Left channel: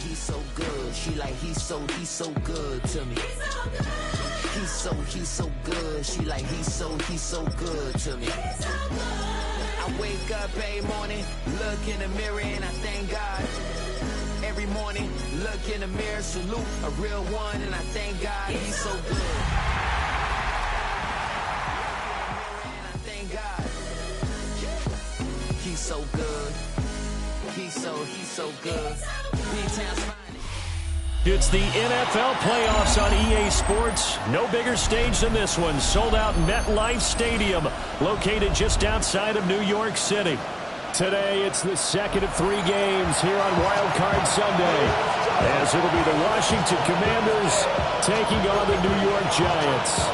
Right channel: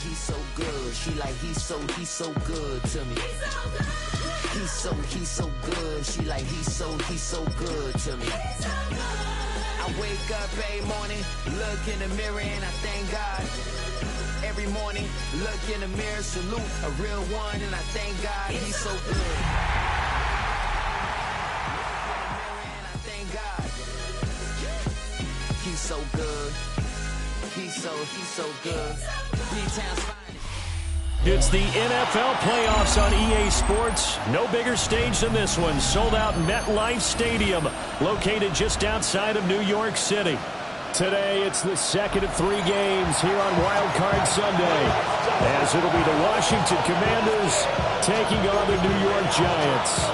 he's so good. She like, he's so good to me. He's so good. She like, he's so good to me. I wake up every morning, look in the mirror and I thank God. Every morning, look in the mirror, salute a real one, and I thank God he's so good. Look in the mirror and I thank God. He's so good. He's so good. B-Town's finest. It's the NFL playoffs on EA Sports. No bigger stage than this one. Sold out MetLife Stadium, located just outside of New York City. Today, it's the second of 3 games here on Wild Card Sunday, as it'll be the Washington Commanders taking on the New York Giants.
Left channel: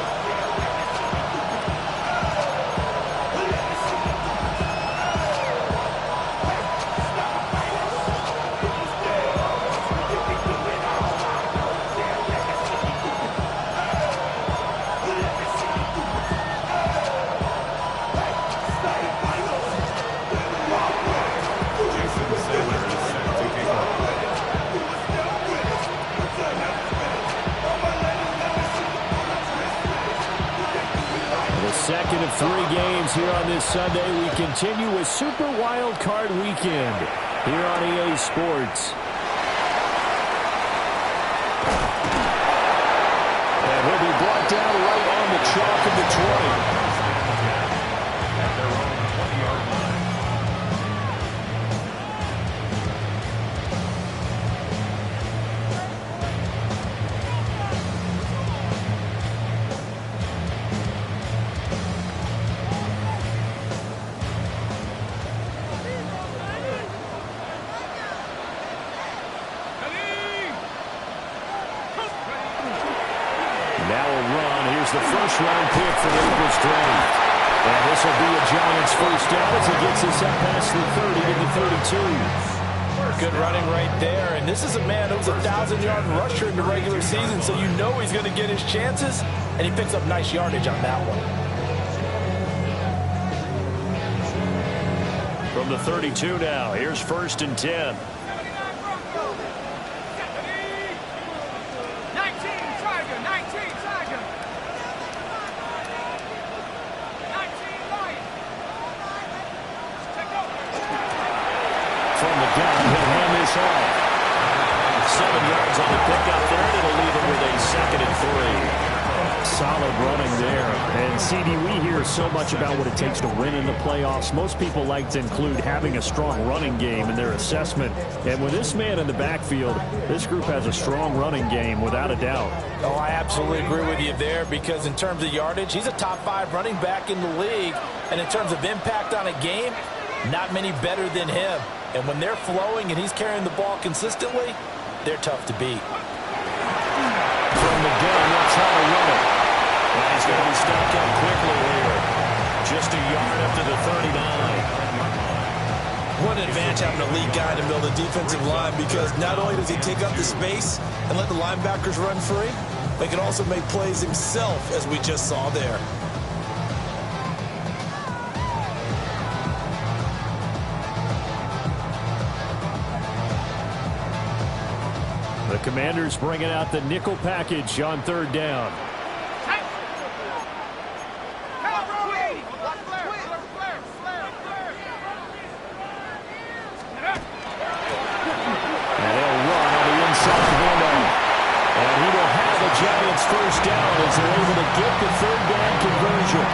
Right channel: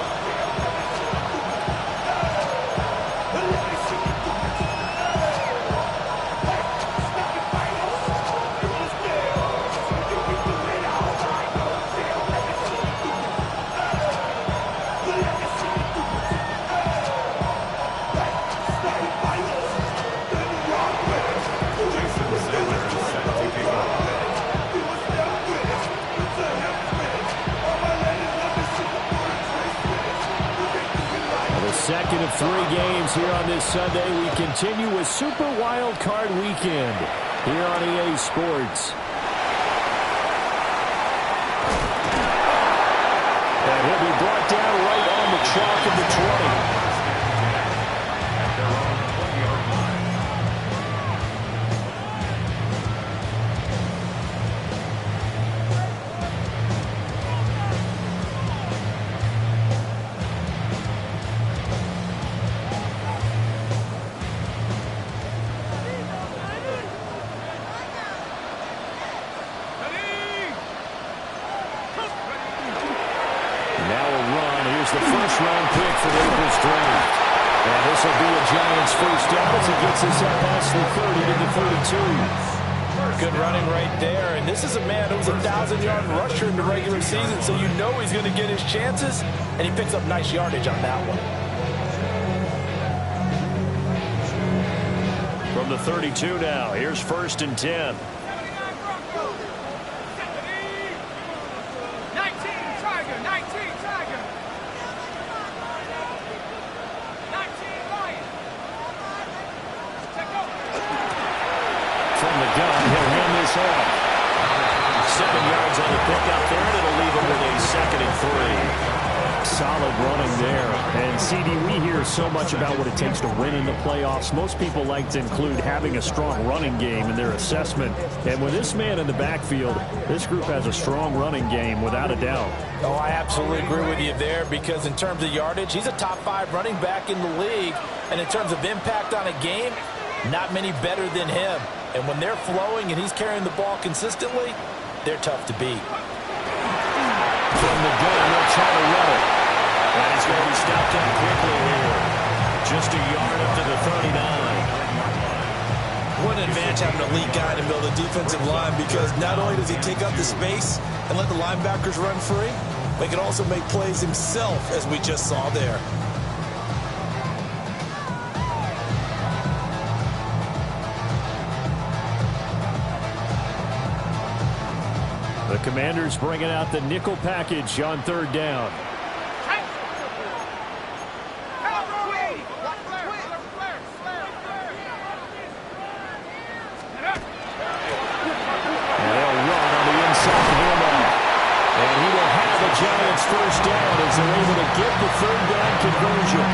Second of 3 games here on this Sunday. We continue with Super Wild Card Weekend here on EA Sports. And he'll be brought down right on the chalk of the 20. At their own 20-yard line. Now a run. Here's the first-round pick for April's draft. And this will be a Giants first down as he gets us up past the 30 to the 32. Good running right there. And this is a man who was a 1,000-yard rusher in the regular season, so you know he's going to get his chances, and he picks up nice yardage on that one. From the 32 now, here's 1st and 10. From the gun, he'll hand this off. 7 yards on the pickup there, and it'll leave him with a 2nd and 3. Solid running there. And, CD, we hear so much about what it takes to win in the playoffs. Most people like to include having a strong running game in their assessment. And with this man in the backfield, this group has a strong running game, without a doubt. Oh, I absolutely agree with you there, because in terms of yardage, he's a top 5 running back in the league. And in terms of impact on a game, not many better than him. And when they're flowing and he's carrying the ball consistently, they're tough to beat. From the gun, they'll try to run it. And he's going to be stopped up quickly here. Just a yard up to the 39. What an advantage having a lead guy in the middle of the defensive line, because not only does he take up the space and let the linebackers run free, but he can also make plays himself, as we just saw there. The Commanders bringing out the nickel package on 3rd down. And they'll run on the inside handoff. And he will have the Giants first down as they're able to get the 3rd down conversion.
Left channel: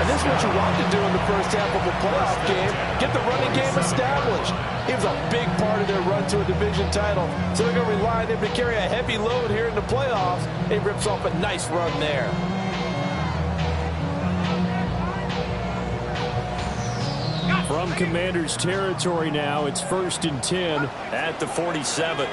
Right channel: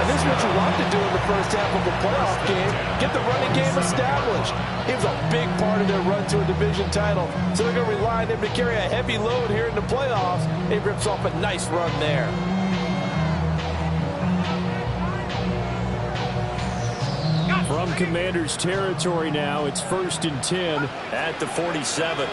And this is what you want to do in the first half of a playoff game. Get the running game established. He was a big part of their run to a division title. So they're going to rely on him to carry a heavy load here in the playoffs. He rips off a nice run there. From Commanders territory now, it's 1st and 10 at the 47.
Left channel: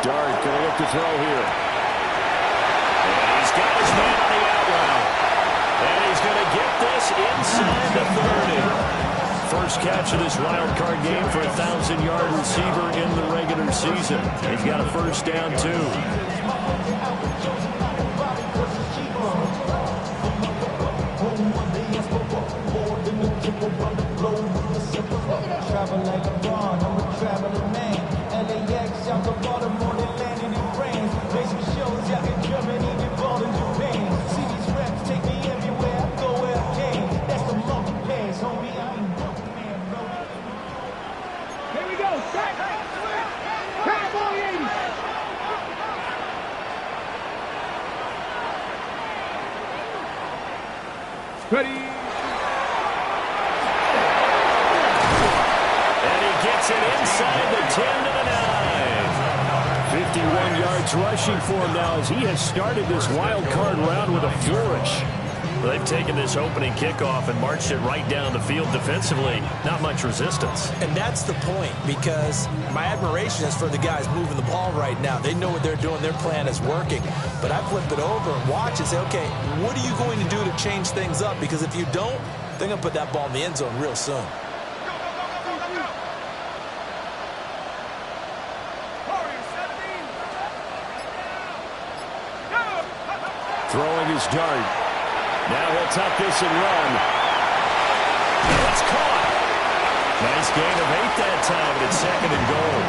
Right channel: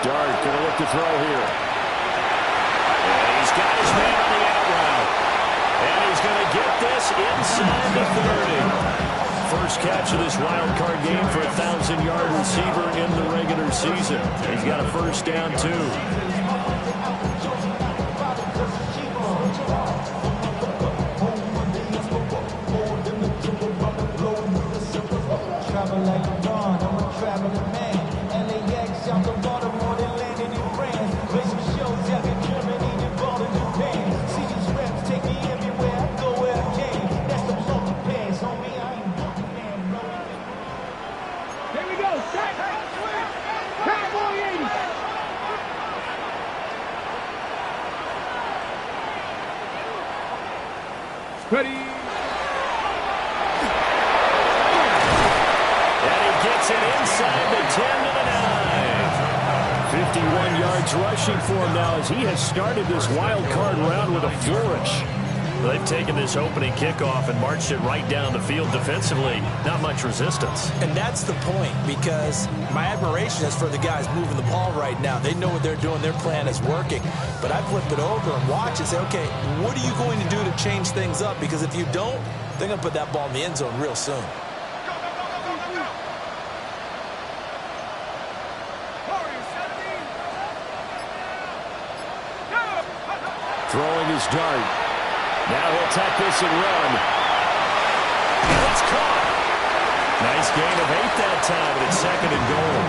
Dart going to look to throw here. And he's got his man on the out route. And he's going to get this inside the 30. First catch of this wild card game for a 1,000-yard receiver in the regular season. He's got a first down, too. Maryland man. LAX out to Baltimore, they landed in France. Basic shows out in Germany, involved in Japan. See these reps take me everywhere, I go where I can. That's the multi-pass, homie, I ain't walking man, bro. Here we go, set! Cowboy 80! Ready? And he gets it inside the 10 to the 9. 51 yards rushing for him now as he has started this wild card round with a flourish. They've taken this opening kickoff and marched it right down the field defensively. Not much resistance. And that's the point, because my admiration is for the guys moving the ball right now. They know what they're doing. Their plan is working. But I flip it over and watch and say, okay, what are you going to do to change things up? Because if you don't, they're going to put that ball in the end zone real soon. Throwing his dart. Now he'll tuck this and run. And it's caught. Nice gain of 8 that time, but it's 2nd and goal.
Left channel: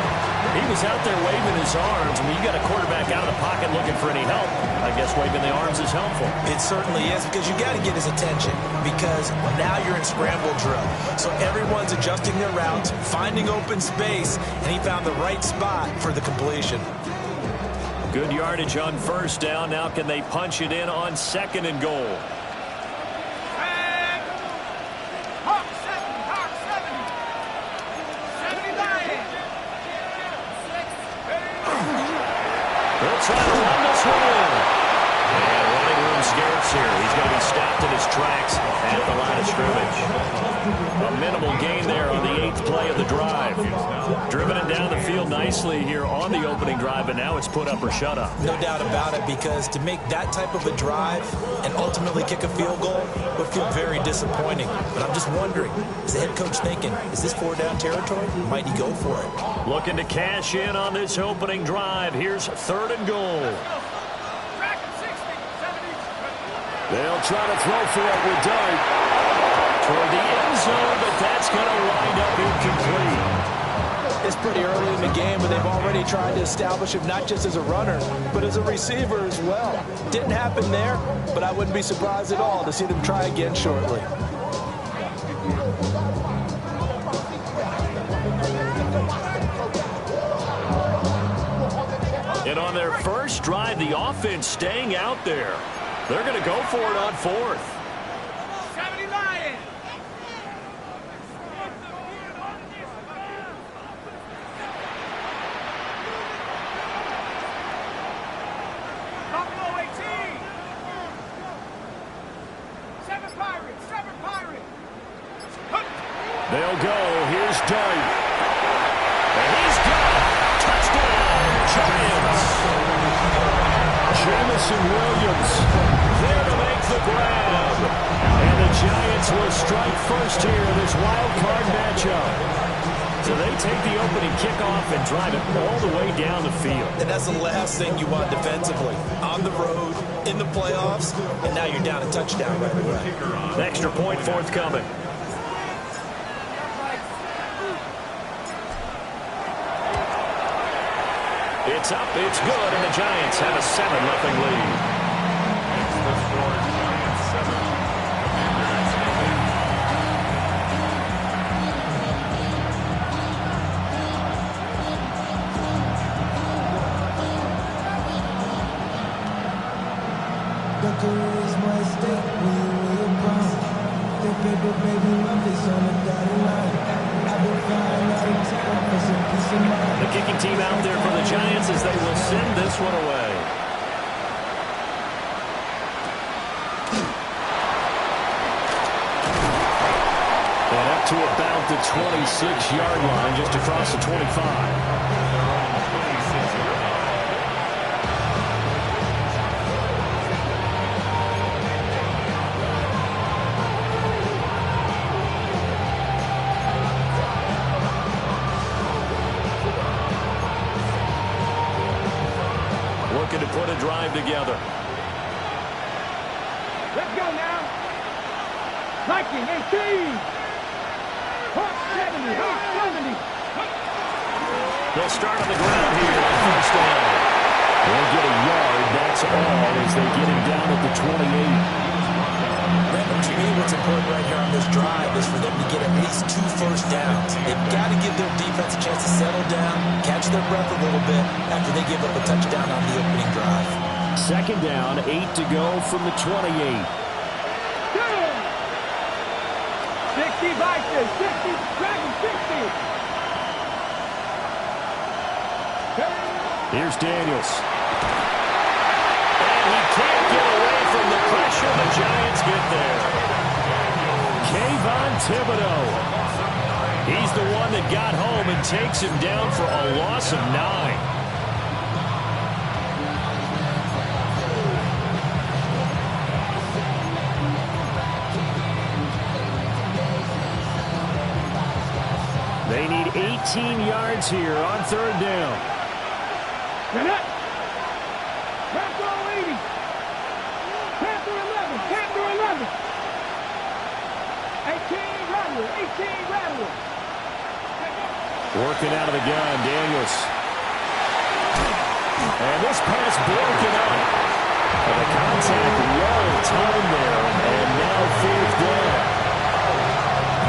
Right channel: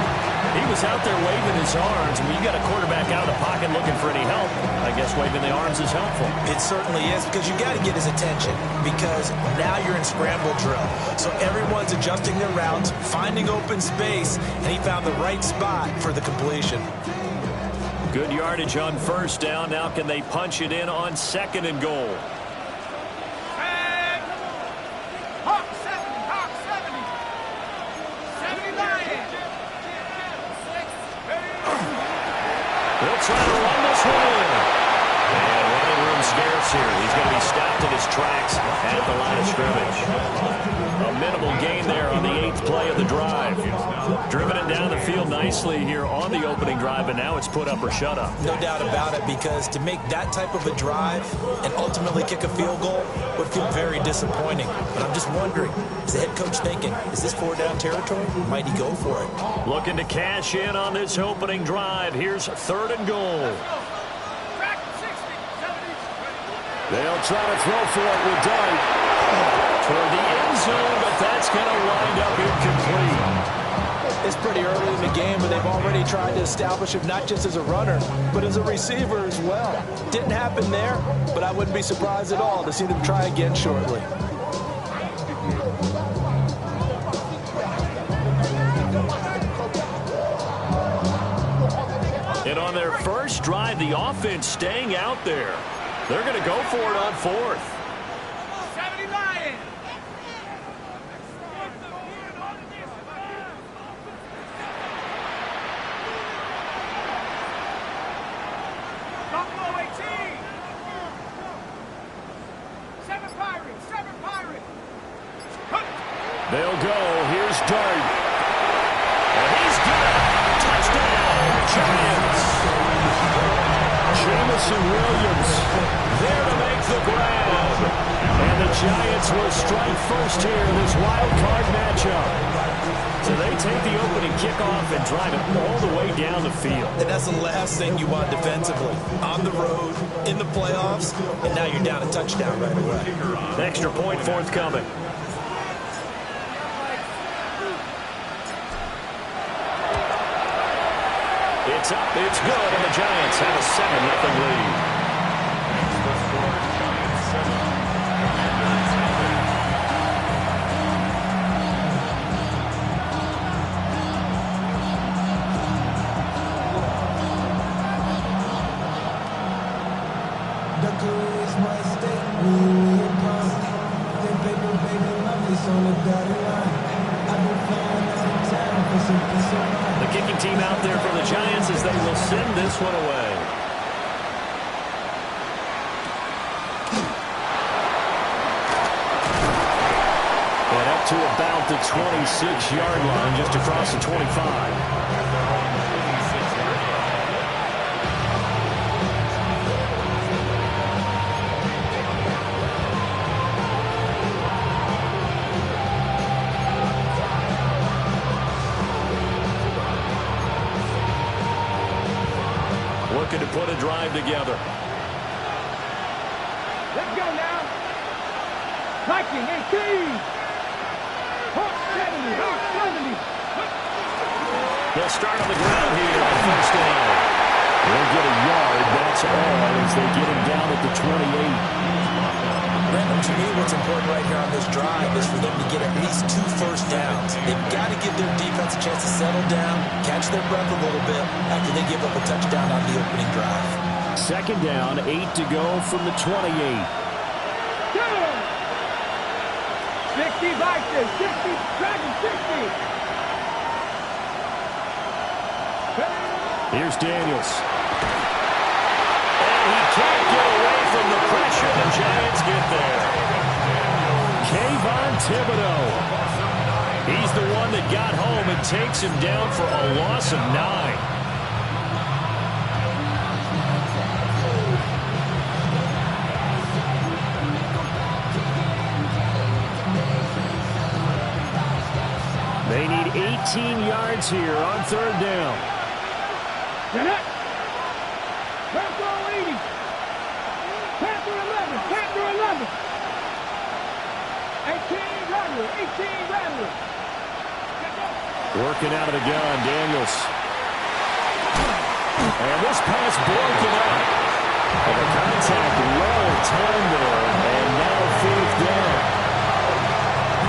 He was out there waving his arms, and when you got a quarterback out of the pocket looking for any help, I guess waving the arms is helpful. It certainly is, because you got to get his attention, because now you're in scramble drill. So everyone's adjusting their routes, finding open space, and he found the right spot for the completion. Good yardage on 1st down. Now can they punch it in on 2nd and goal? Hawk 70. 70 Lions. They'll try to run this one in. And running room scarce here. He's going to be stopped in his tracks at the line of scrimmage. A minimal gain there on the 8th play of the drive. Driven it down the field nicely here on the opening drive, but now it's put up or shut up. No doubt about it, because to make that type of a drive and ultimately kick a field goal would feel very disappointing. But I'm just wondering, is the head coach thinking, is this 4-down territory? Might he go for it? Looking to cash in on this opening drive. Here's 3rd and goal. They'll try to throw for it with Dart. Toward the end zone, but that's going to wind up incomplete. It's pretty early in the game, but they've already tried to establish him not just as a runner, but as a receiver as well. Didn't happen there, but I wouldn't be surprised at all to see them try again shortly. And on their first drive, the offense staying out there. They're going to go for it on 4th. 70 Lions. Buffalo 18. 7 Pirates. They'll go. Here's Dart. And he's got it. Touchdown, Giants. Jamison Williams there to make the grab. And the Giants will strike first here in this wild card matchup. So they take the opening kickoff and drive it all the way down the field. And that's the last thing you want defensively. On the road, in the playoffs, and now you're down a touchdown right away. Extra point forthcoming. It's up, it's good, and the Giants have a 7-0 lead. It's the score, Giants 7, Commanders nothing. The career is my stake when you're bound. That paper, baby, my face on the dotted line. I've been flying out of town for some peace of mind. The kicking team out there for the Giants as they will send this one away. And up to about the 26-yard line, just across the 25. At their own 26-yard line. Looking to put a drive together. Let's go now. Viking 18. Hawk 70. They'll start on the ground here on first down. They'll get a yard, that's all, as they get him down at the 28. Brandon, to me, what's important right here on this drive is for them to get at least 2 first downs. They've got to give their defense a chance to settle down, catch their breath a little bit after they give up a touchdown on the opening drive. Second down, 8 to go from the 28. 60 Vikings, 60, Dragons 60. Here's Daniels. And he can't get away from the pressure. The Giants get there. Kayvon Thibodeaux. He's the one that got home and takes him down for a loss of 9. They need 18 yards here on third down. Get it. Panther 80. Panther 11. Panther 11. 18 Rattler. 18 Rattler. Working out of the gun, Daniels. And this pass broken up. And the contact well timed there. And now fourth down.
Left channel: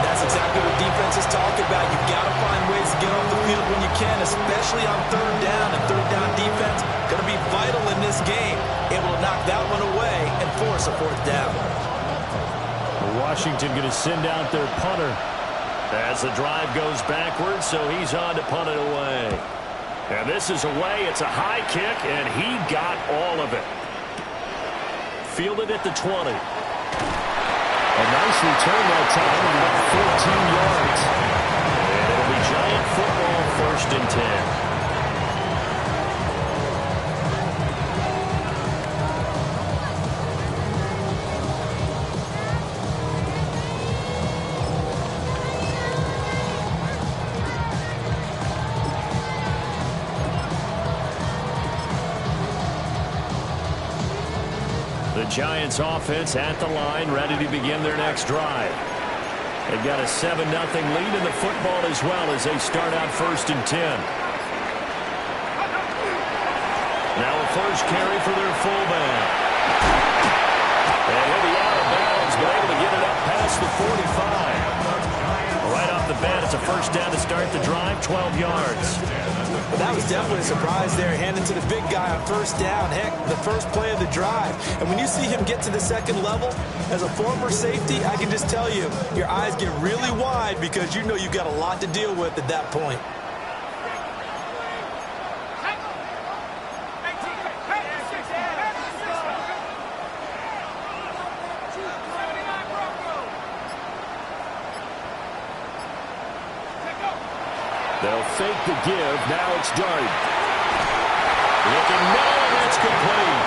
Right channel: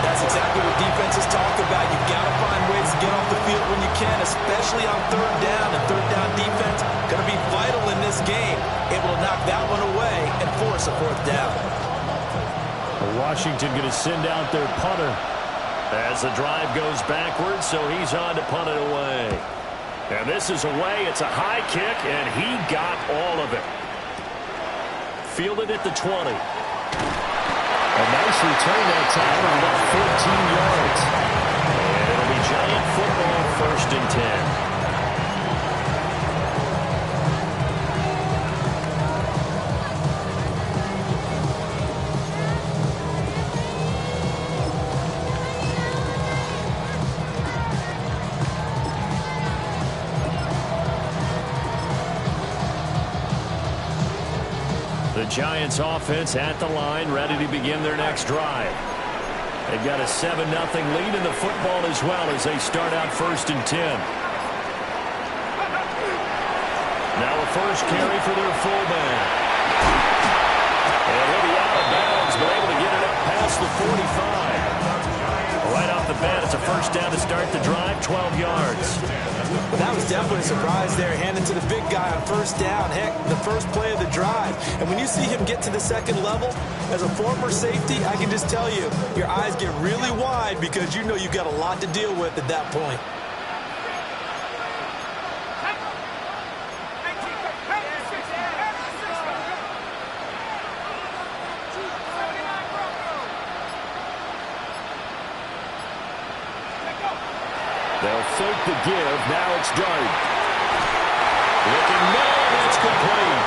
That's exactly what defenses talk about. You've got to find ways to get off the field when you can, especially on third down. And third down defense going to be vital in this game. Able to knock that one away and force a fourth down. Washington going to send out their punter as the drive goes backwards, so he's on to punt it away. And this is away. It's a high kick, and he got all of it. Fielded at the 20. A nice return that time of about 14 yards. And it'll be Giant football, first and 10. The Giants offense at the line, ready to begin their next drive. They've got a 7-0 lead in the football as well as they start out first and 10. Now a first carry for their fullback. And he'll be out of bounds, but able to get it up past the 45. Right off the bat, it's a first down to start the drive, 12 yards. Well, that was definitely a surprise there, handing to the big guy on first down. Heck, the first play of the drive. And when you see him get to the second level, as a former safety, I can just tell you, your eyes get really wide because you know you've got a lot to deal with at that point. They'll fake the give. Now it's Dart. Looking middle, and it's complete.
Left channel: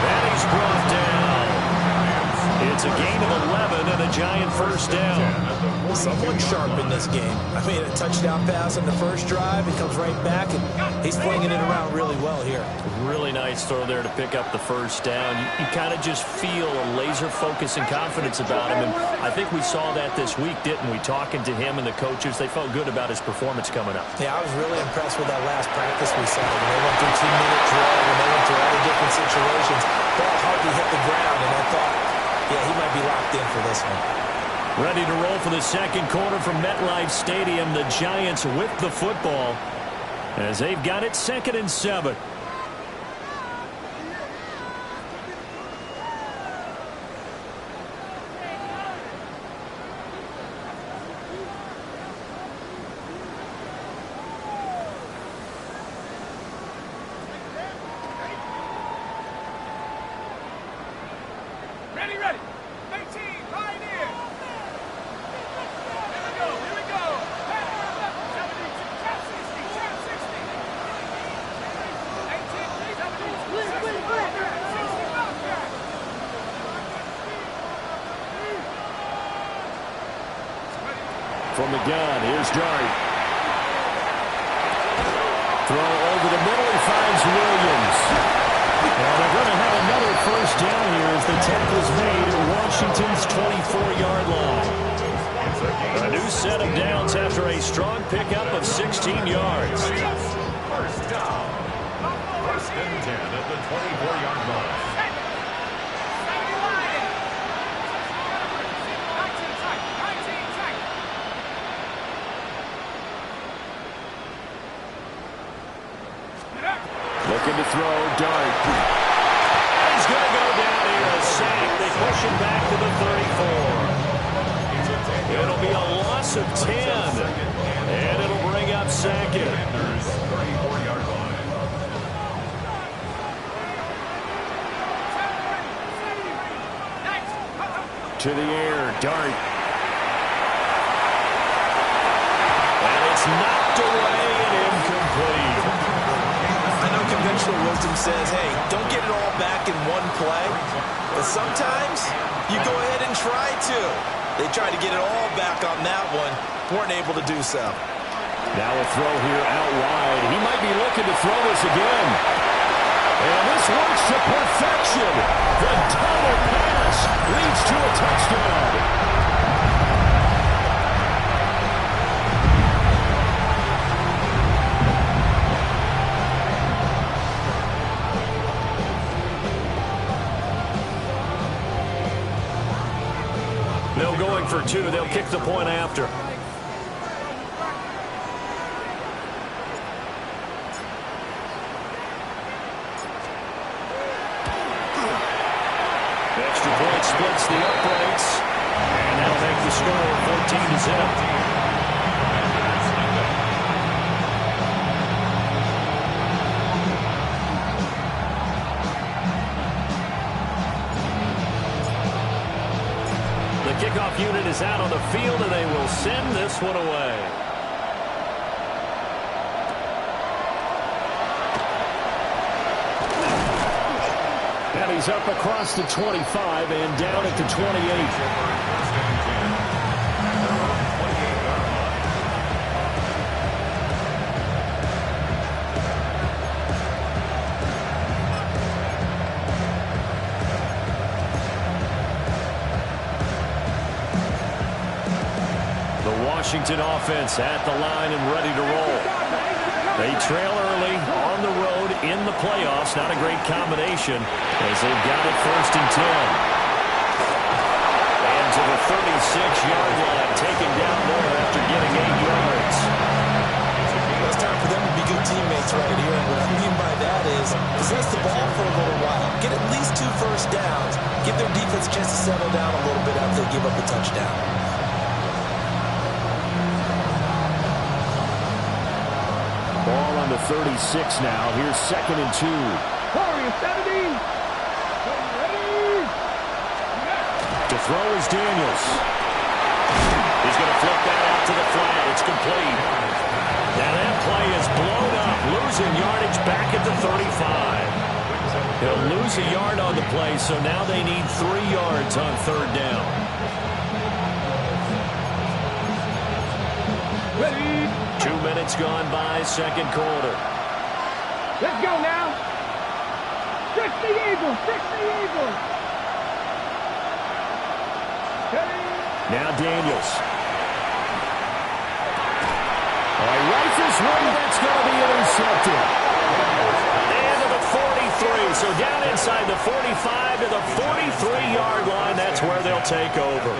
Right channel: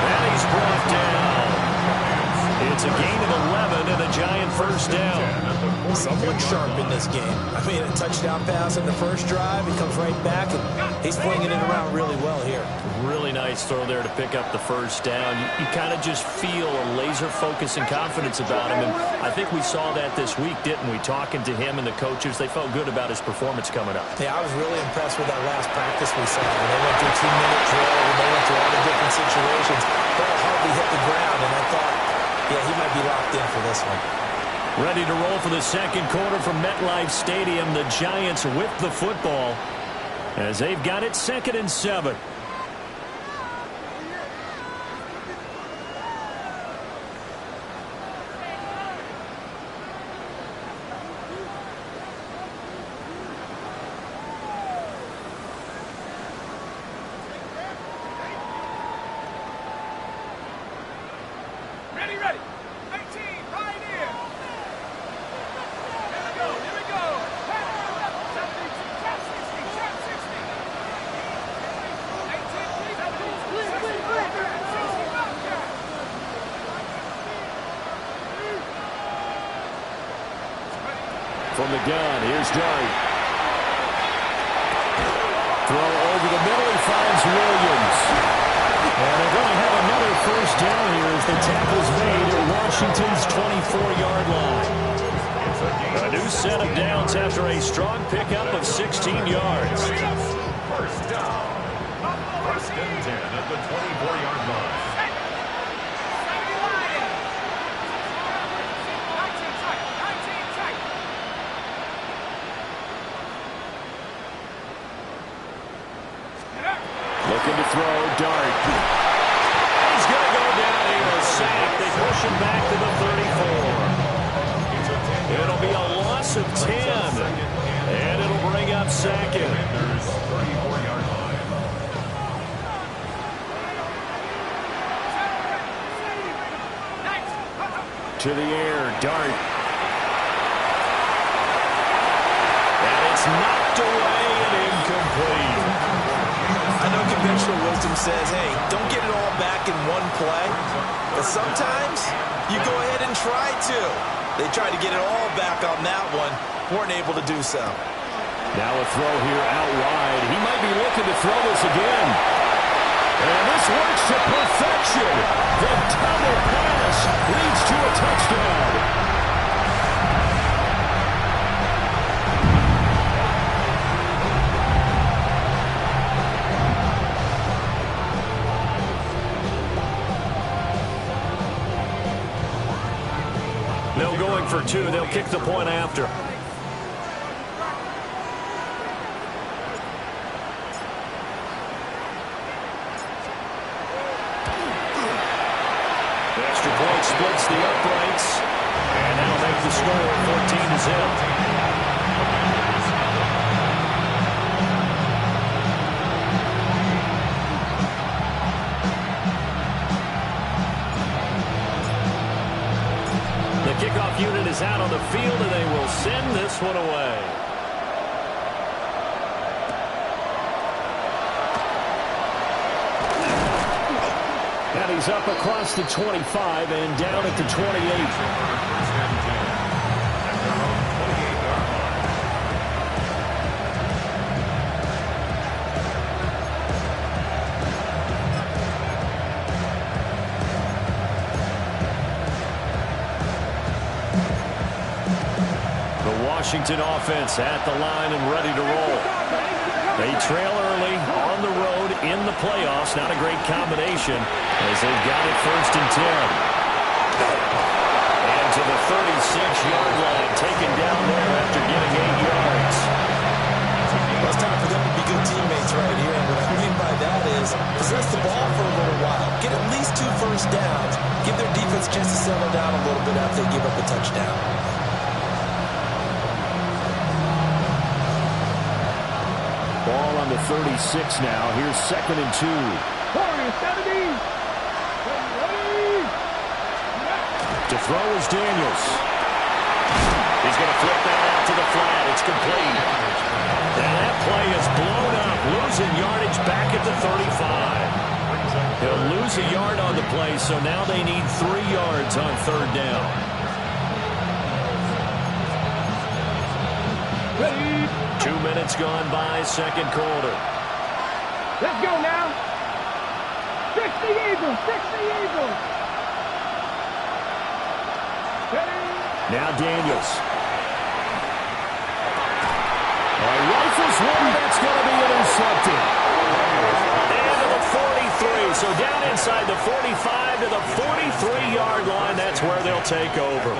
And he's brought down. It's a gain of 11 and a Giant first down. Someone sharp in this game. I mean, a touchdown pass on the first drive. He comes right back, and he's flinging it around really well here. Really nice throw there to pick up the first down. You kind of just feel a laser focus and confidence about him, and I think we saw that this week, didn't we? Talking to him and the coaches, they felt good about his performance coming up. Yeah, I was really impressed with that last practice we saw. When they went through 2-minute drill, when they went through all the different situations, ball hardly hit the ground, and I thought, yeah, he might be locked in for this one. Ready to roll for the second quarter from MetLife Stadium. The Giants with the football as they've got it 2nd and 7. Ready. 18, Pioneer. Here we go. Panther 11, 72, Trap 60, Trap 60. 18, 70, 60, Bobcat. From the gun, here's Dart. Throw over the middle, he finds Williams. And they're going to have another first down here as the tackle's made at Washington's 24-yard line. It's a gain. A new set of downs after a strong pickup of 16 yards. First down. First and 10 at the 24-yard line. Looking to throw, Dart. And he's going to go down here, a sack. They push him back to the 34. It'll be a loss of 10. And it'll bring up second. Commanders, 34-yard line. To the air, Dart. And it's knocked away and incomplete. I know conventional wisdom says, hey, don't get it all back in one play. But sometimes you go ahead and try to. They tried to get it all back on that one. Weren't able to do so. Now a throw here out wide. He might be looking to throw this again. And this works to perfection. The double pass leads to a touchdown. No going for two. They'll kick the point after. Extra point splits the uprights. And that'll make the score 14-0. The kickoff unit is out on the field, and they will send this one away. And he's up across the 25 and down at the 28. First and 10 at their own 28-yard line. The Washington offense at the line and ready to roll. They trail early on the road in the playoffs. Not a great combination as they've got it first and 10. And to the 36-yard line, taken down there after getting 8 yards. Well, it's time for them to be good teammates right here. And what I mean by that is possess the ball for a little while. Get at least 2 first downs. Give their defense a chance to settle down a little bit after they give up a touchdown. Ball on the 36 now. Here's second and 2. Warriors 70. Ready. To throw is Daniels. He's going to flip that out to the flat. It's complete. Now that play is blown up. Losing yardage back at the 35. He'll lose a yard on the play, so now they need 3 yards on third down. Ready. 2 minutes gone by, second quarter. Let's go now. 60 Eagles. 60 Eagles. Ready. Now Daniels. Oh, he rifles one. That's going to be intercepted. And to the 43. So down inside the 45 to the 43-yard line. That's where they'll take over.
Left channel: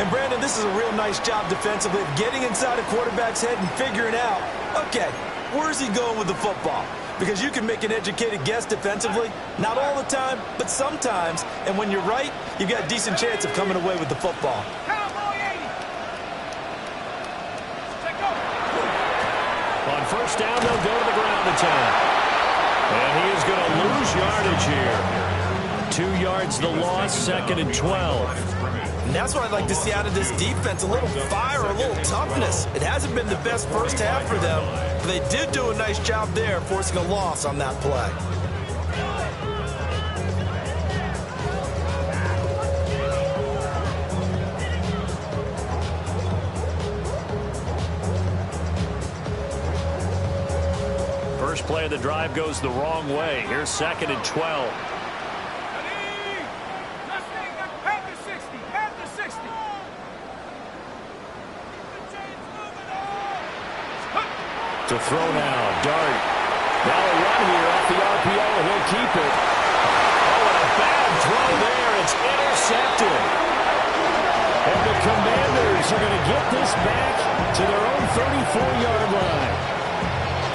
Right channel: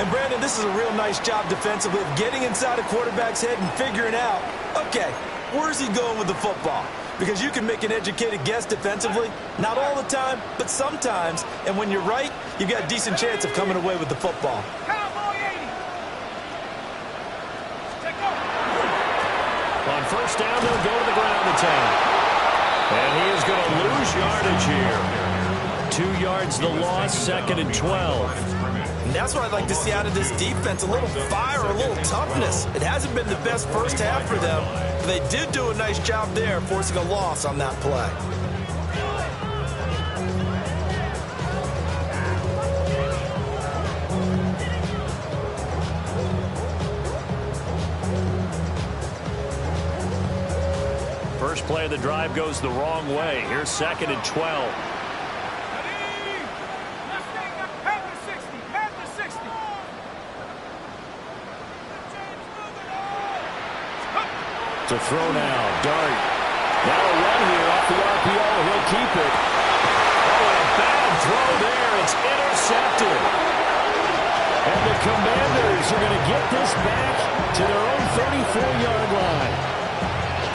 And, Brandon, this is a real nice job defensively of getting inside a quarterback's head and figuring out, okay, where's he going with the football? Because you can make an educated guess defensively, not all the time, but sometimes. And when you're right, you've got a decent chance of coming away with the football. Cowboy 80. Take over. On first down, they'll go to the ground attack. And he is going to lose yardage here. 2 yards the loss, second and 12. And that's what I'd like to see out of this defense, a little fire, a little toughness. It hasn't been the best first half for them, but they did do a nice job there, forcing a loss on that play. First play of the drive goes the wrong way. Here's second and 12. Ready. Let's take that. Panther 60. Panther 60. To throw now, Dart. Now a run here off the RPO. He'll keep it. Oh, and a bad throw there. It's intercepted. And the Commanders are going to get this back to their own 34-yard line.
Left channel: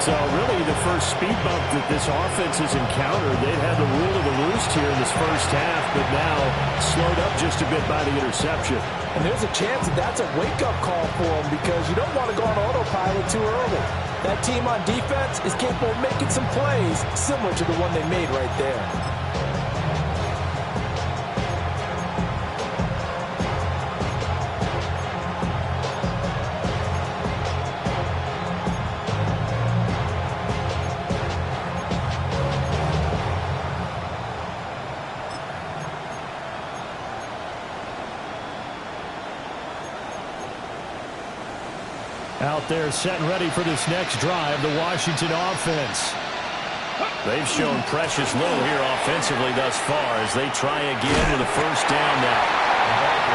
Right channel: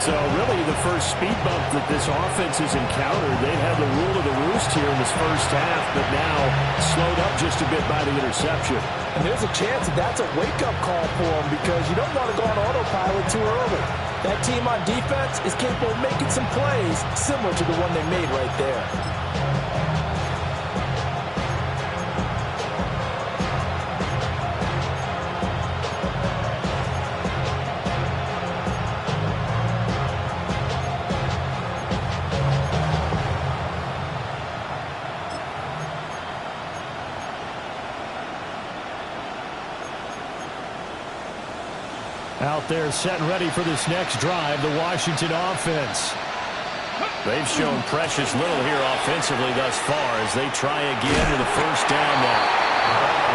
So really the first speed bump that this offense has encountered. They've had the rule of the roost here in this first half, but now slowed up just a bit by the interception. And there's a chance that that's a wake-up call for them because you don't want to go on autopilot too early. That team on defense is capable of making some plays similar to the one they made right there. Out there set and ready for this next drive, the Washington offense. They've shown precious little here offensively thus far as they try again with a first down now.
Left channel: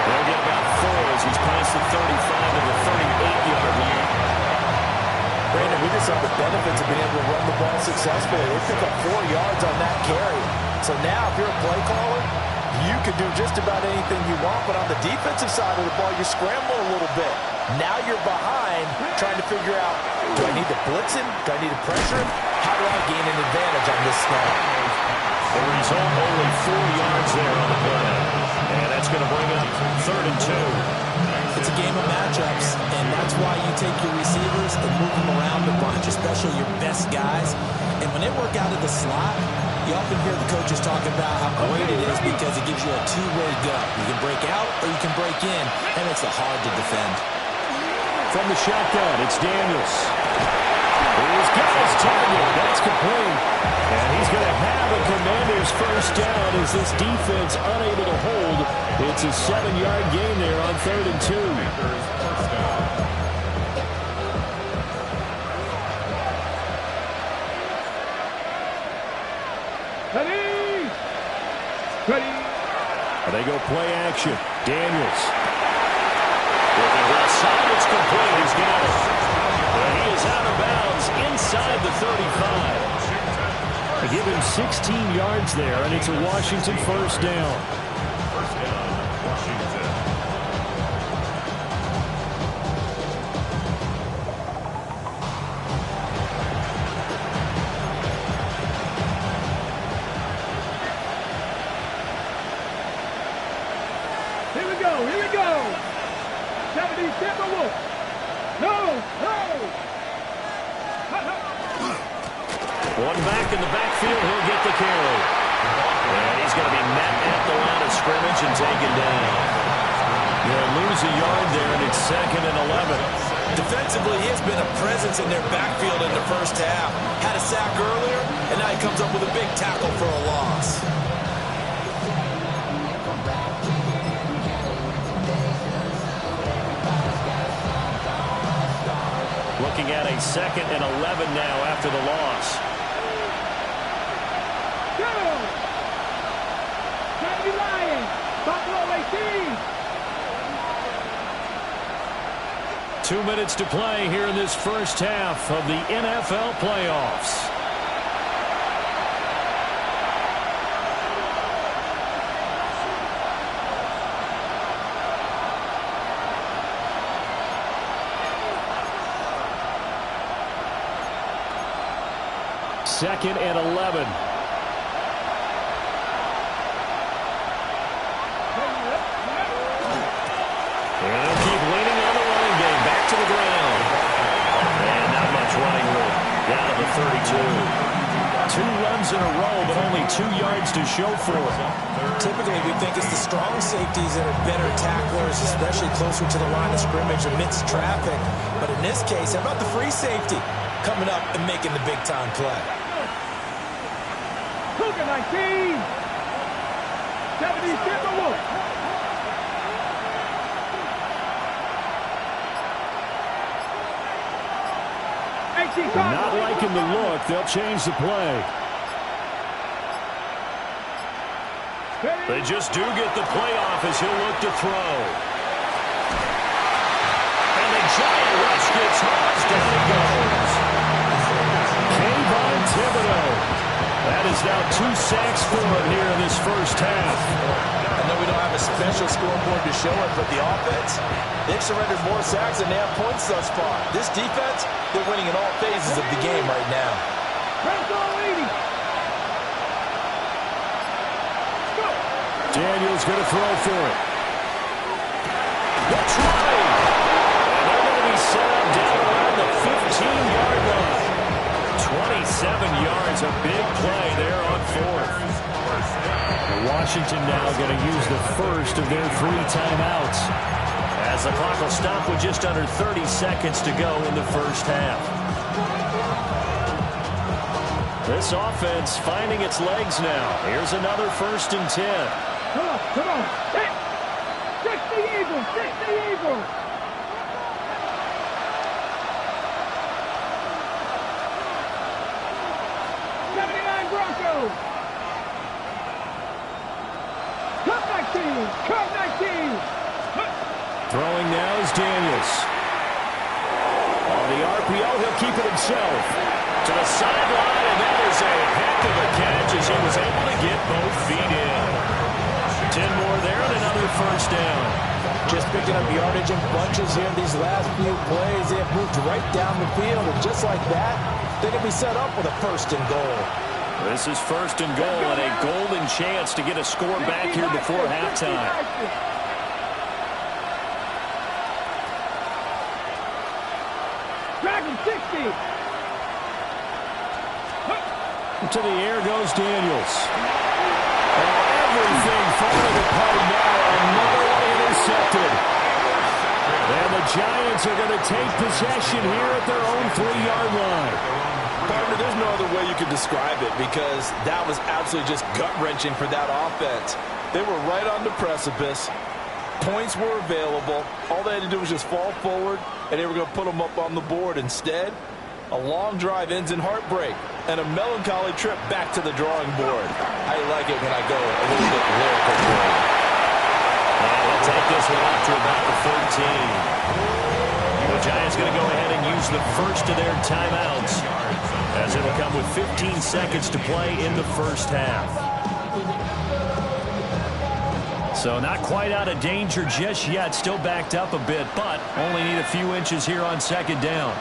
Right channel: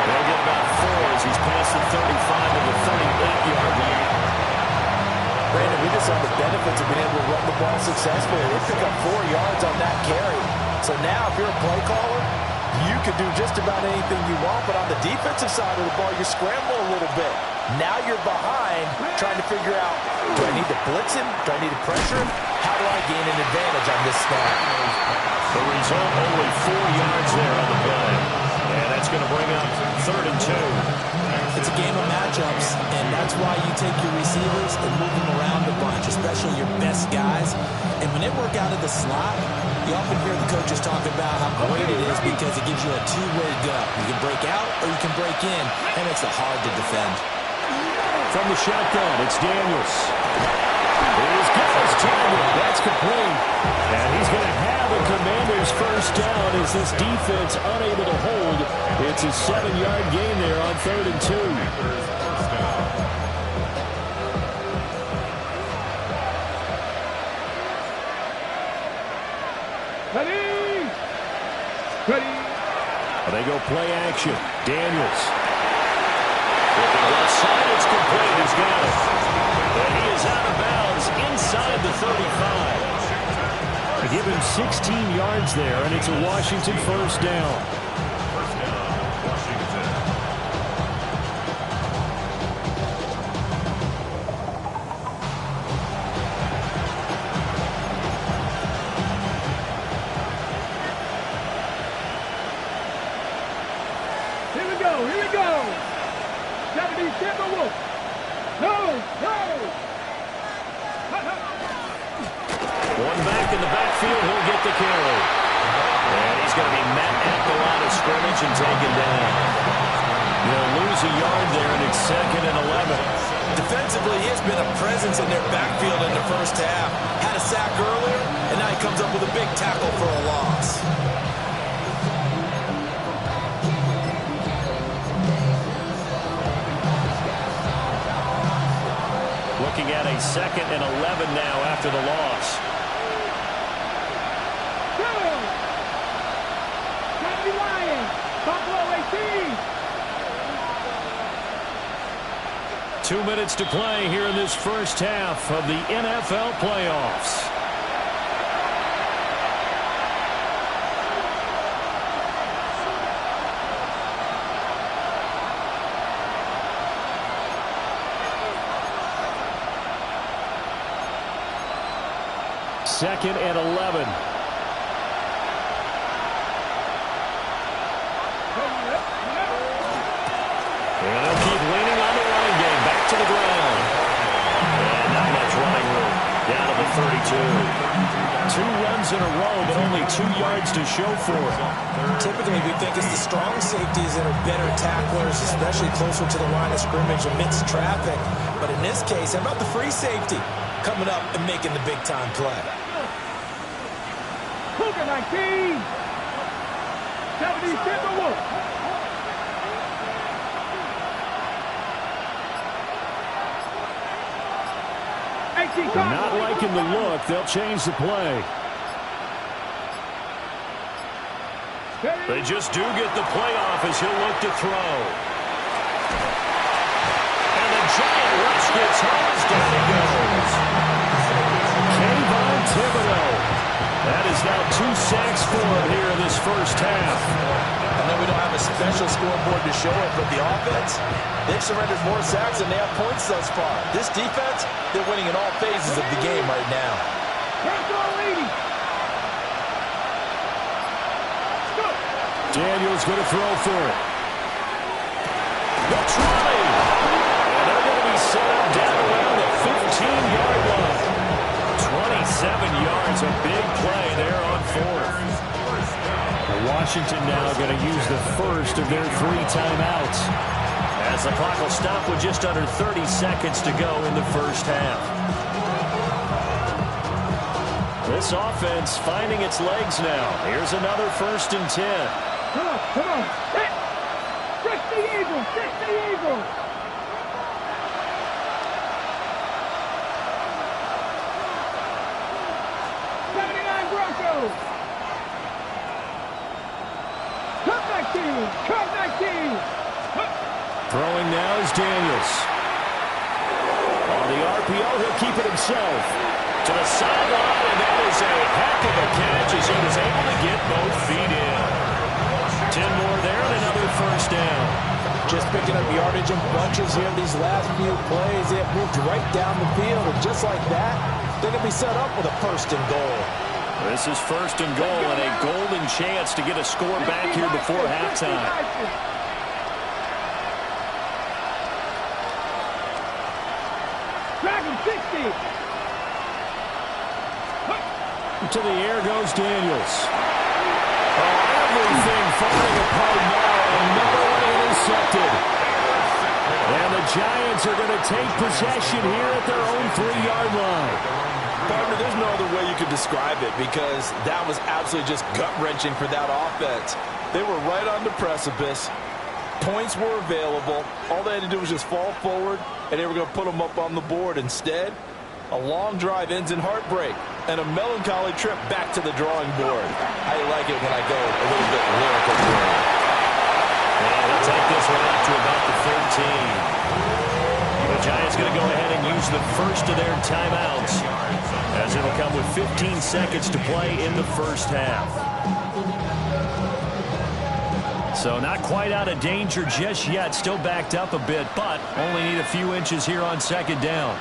They'll get about 4 as he's past the 35 to the 38-yard line. Brandon, we just saw the benefits of being able to run the ball successfully. They pick up 4 yards on that carry. So now if you're a play caller, you can do just about anything you want, but on the defensive side of the ball, you're scrambling a little bit. Now you're behind trying to figure out, do I need to blitz him? Do I need to pressure him? How do I gain an advantage on this snap? The result, only 4 yards there on the play. And that's going to bring up 3rd and 2. It's a game of matchups, and that's why you take your receivers and move them around a bunch, especially your best guys. And when they work out of the slot, you often hear the coaches talk about how great it is because it gives you a two-way go. You can break out or you can break in, and it's hard to defend. From the shotgun, it's Daniels. He's got his target. That's complete. And he's going to have a Commander's first down as this defense unable to hold. It's a 7-yard gain there on 3rd and 2. Ready! Ready! They go play action. Daniels. Looking left side, it's complete. He's got it. And he is out of bounds inside the 35. They give him 16 yards there, and it's a Washington first down. First down, Washington. Here we go, here we go! 70 Timberwolves! No, no! One back in the backfield, he'll get the carry. And he's going to be met at the line of scrimmage and taken down. They'll lose a yard there, and it's 2nd and 11. Defensively, he has been a presence in their backfield in the first half. Had a sack earlier, and now he comes up with a big tackle for a loss. Looking at a 2nd and 11 now after the loss. Kennedy Lions! Buffalo 18! 2 minutes to play here in this first half of the NFL playoffs. Second and 11. And they'll keep leaning on the running game. Back to the ground. And not much running room. Down to the 32. 2 runs in a row, but only 2 yards to show for it. Typically, we think it's the strong safeties that are better tacklers, especially closer to the line of scrimmage amidst traffic. But in this case, how about the free safety coming up and making the big-time play? Cougar 19! 70 Timberwolves! Not liking the look. They'll change the play. They just do get the play off as he'll look to throw. And the giant rush gets home as down he goes. Thibodeau. That is now 2 sacks for him here in this first half. I know we don't have a special scoreboard to show it, but the offense, they've surrendered more sacks than they have points thus far. This defense, they're winning in all phases of the game right now. Daniels going to throw for it. The try. And they're going to be set up down around the 15-yard line. 27 yards, a big play there on fourth. Washington now going to use the first of their 3 timeouts, as the clock will stop with just under 30 seconds to go in the first half. This offense finding its legs now. Here's another 1st and 10. Come on, come on. Six the Eagles, 79 Broncos. Cut 19. Throwing now is Daniels. On the RPO, he'll keep it himself. To the sideline, and that is a heck of a catch as he was able to get both feet in. 10 more there and another 1st down. Just picking up yardage in bunches here these last few plays. They have moved right down the field, and just like that, they're going to be set up with a 1st and goal. This is 1st and goal and a golden chance to get a score back here before halftime. Drag him, 60. To the air goes Daniels. Oh, everything falling apart now. Another one intercepted. And the Giants are going to take possession here at their own 3-yard line. Partner, there's no other way you could describe it, because that was absolutely just gut-wrenching for that offense. They were right on the precipice. Points were available. All they had to do was just fall forward, and they were going to put them up on the board. Instead, a long drive ends in heartbreak and a melancholy trip back to the drawing board. I like it when I go a little bit lyrical for you. And they'll take this one up to about the 13. The Giants going to go ahead and use the first of their timeouts, as it'll come with 15 seconds to play in the first half. So not quite out of danger just yet. Still backed up a bit, but only need a few inches here on 2nd down.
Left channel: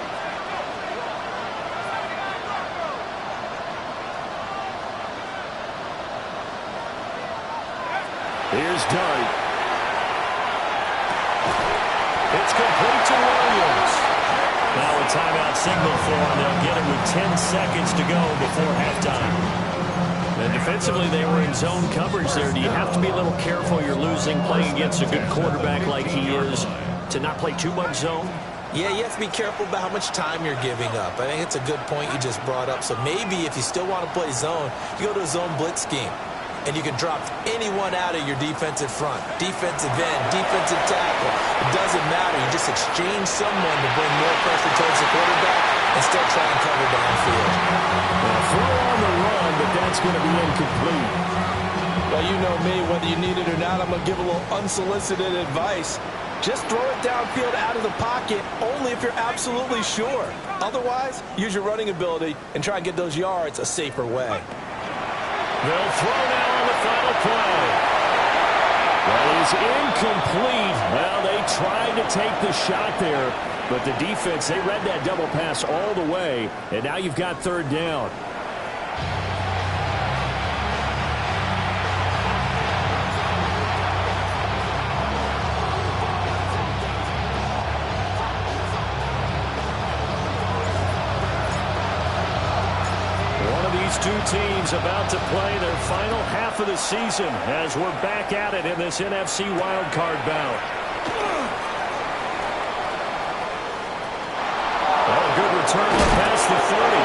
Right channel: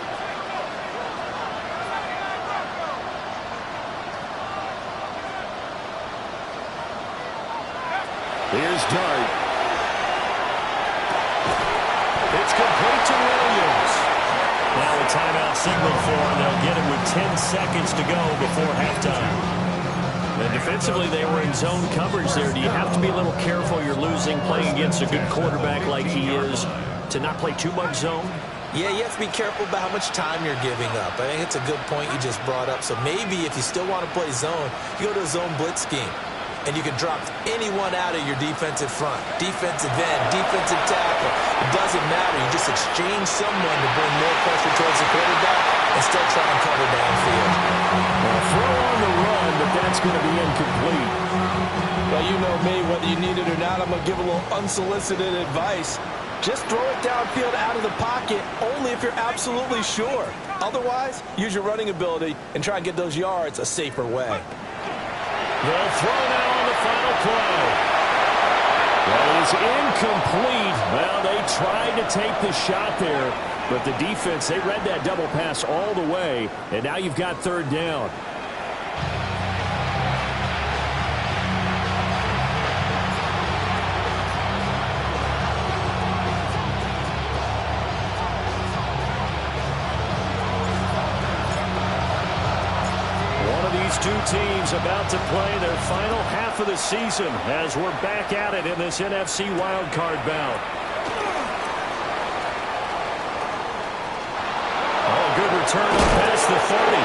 Here's Dart. It's complete to Williams. Now a timeout signal for him. They'll get it with 10 seconds to go before halftime. And defensively, they were in zone coverage there. Do you have to be a little careful? You're losing, playing against a good quarterback like he is, to not play too much zone? Yeah, you have to be careful about how much time you're giving up. I think it's a good point you just brought up. So maybe if you still want to play zone, you go to a zone blitz scheme. And you can drop anyone out of your defensive front. Defensive end, defensive tackle. It doesn't matter. You just exchange someone to bring more pressure towards the quarterback and still try and cover downfield. Well, throw on the run, but that's going to be incomplete. Well, you know me, whether you need it or not, I'm going to give a little unsolicited advice. Just throw it downfield out of the pocket only if you're absolutely sure. Otherwise, use your running ability and try and get those yards a safer way. They'll throw now on the final play. That is incomplete. Well, they tried to take the shot there, but the defense, they read that double pass all the way, and now you've got 3rd down. These two teams about to play their final half of the season as we're back at it in this NFC wildcard bout. Oh, good return up past the 30.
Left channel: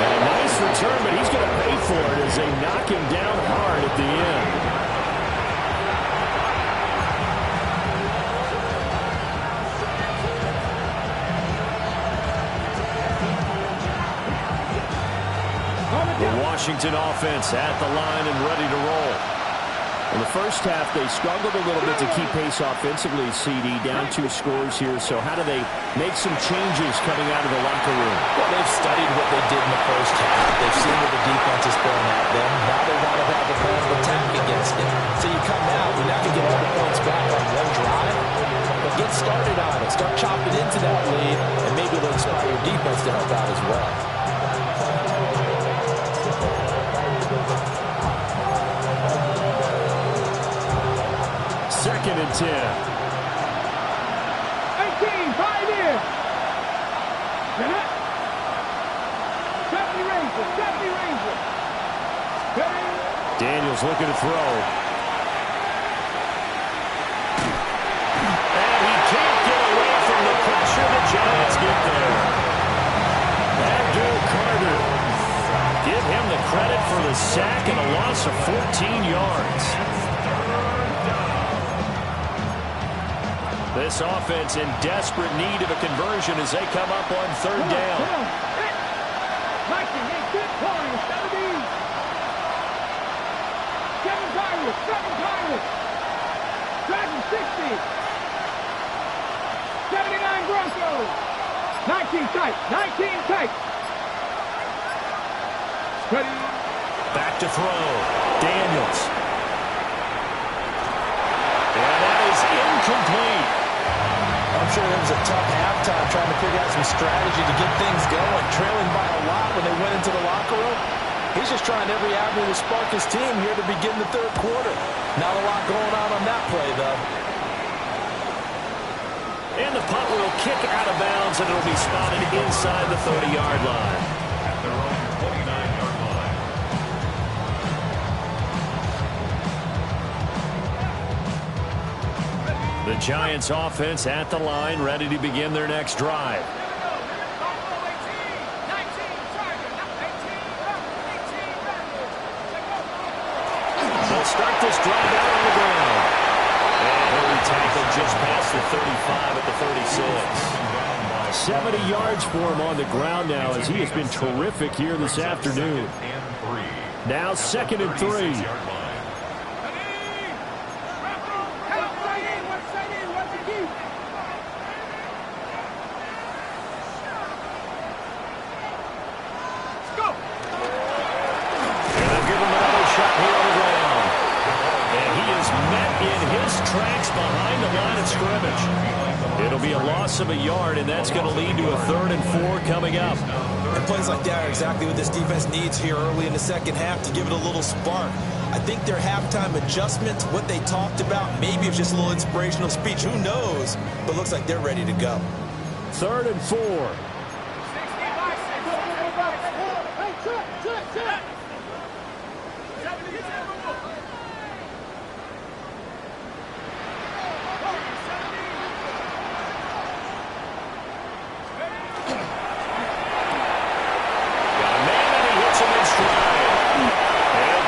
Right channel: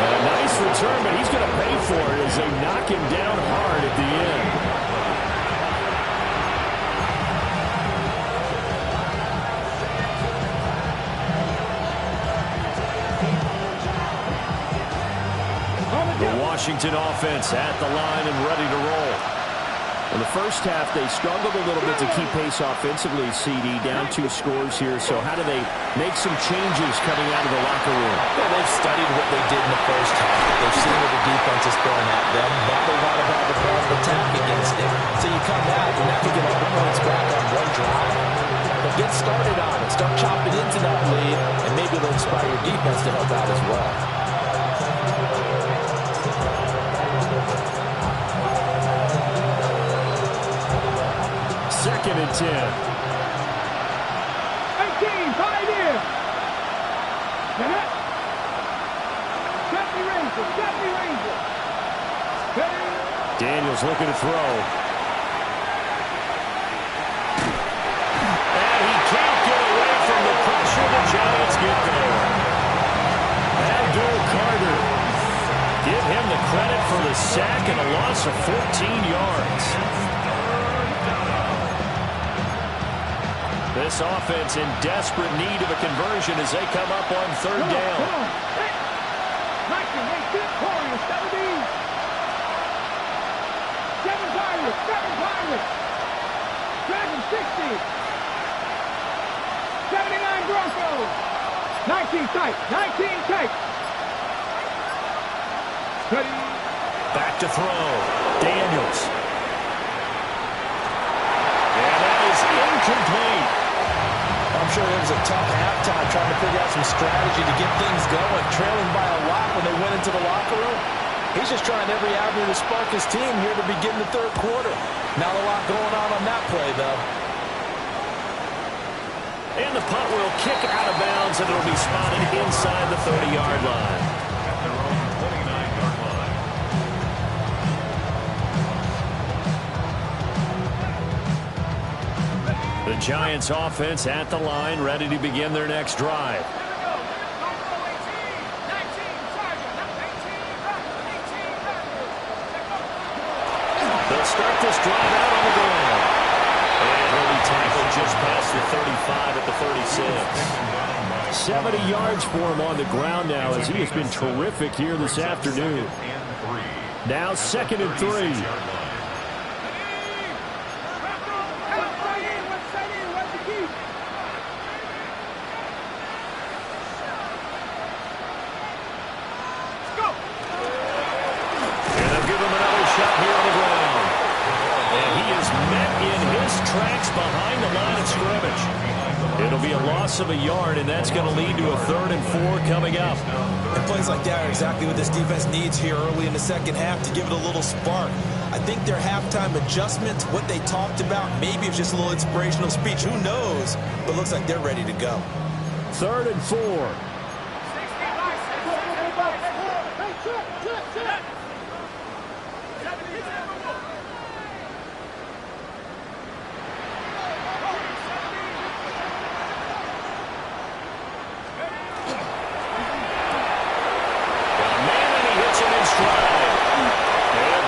And a nice return, but he's going to pay for it as they knock him down hard at the end. The Washington offense at the line and ready to roll. In the first half, they struggled a little bit to keep pace offensively, CD, down 2 scores here. So how do they make some changes coming out of the locker room? Well, they've studied what they did in the first half. They've seen what the defense is throwing at them. Now they want to have a plan of attack against it. So you come out, you're not going to get all the points back on one drive, but get started on it. Start chopping into that lead, and maybe it'll inspire your defense to help out as well. Second and 10. 18, 5 in. Get it. Stephanie Ranger. Daniels looking to throw. And he can't get away from the pressure. The Giants get there. Abdul Carter. Give him the credit for the sack and a loss of 14 yards. This offense in desperate need of a conversion as they come up on third down. Come on. Hit. 19, 18, Warriors, 17. 7 Pirates. Dragon 60. 79 Broncos. 19 tight. Ready. Back to throw. Daniels. And that is incomplete. I'm sure there was a tough halftime trying to figure out some strategy to get things going, trailing by a lot when they went into the locker room. He's just trying every avenue to spark his team here to begin the third quarter. Not a lot going on that play, though. And the punt will kick out of bounds, and it'll be spotted inside the 30-yard line. At their own 29-yard line. The Giants offense at the line, ready to begin their next drive. They'll start this drive out on the ground. And he'll be tackled just past the 35 at the 36. 70 yards for him on the ground now as he has been terrific here this afternoon. Now 2nd and 3. Here on the ground. And he is met in his tracks behind the line of scrimmage. It'll be a loss of a yard, and that's going to lead to a 3rd and 4 coming up. And plays like that are exactly what this defense needs here early in the second half to give it a little spark. I think their halftime adjustments, what they talked about, maybe it's just a little inspirational speech. Who knows? But it looks like they're ready to go. 3rd and 4.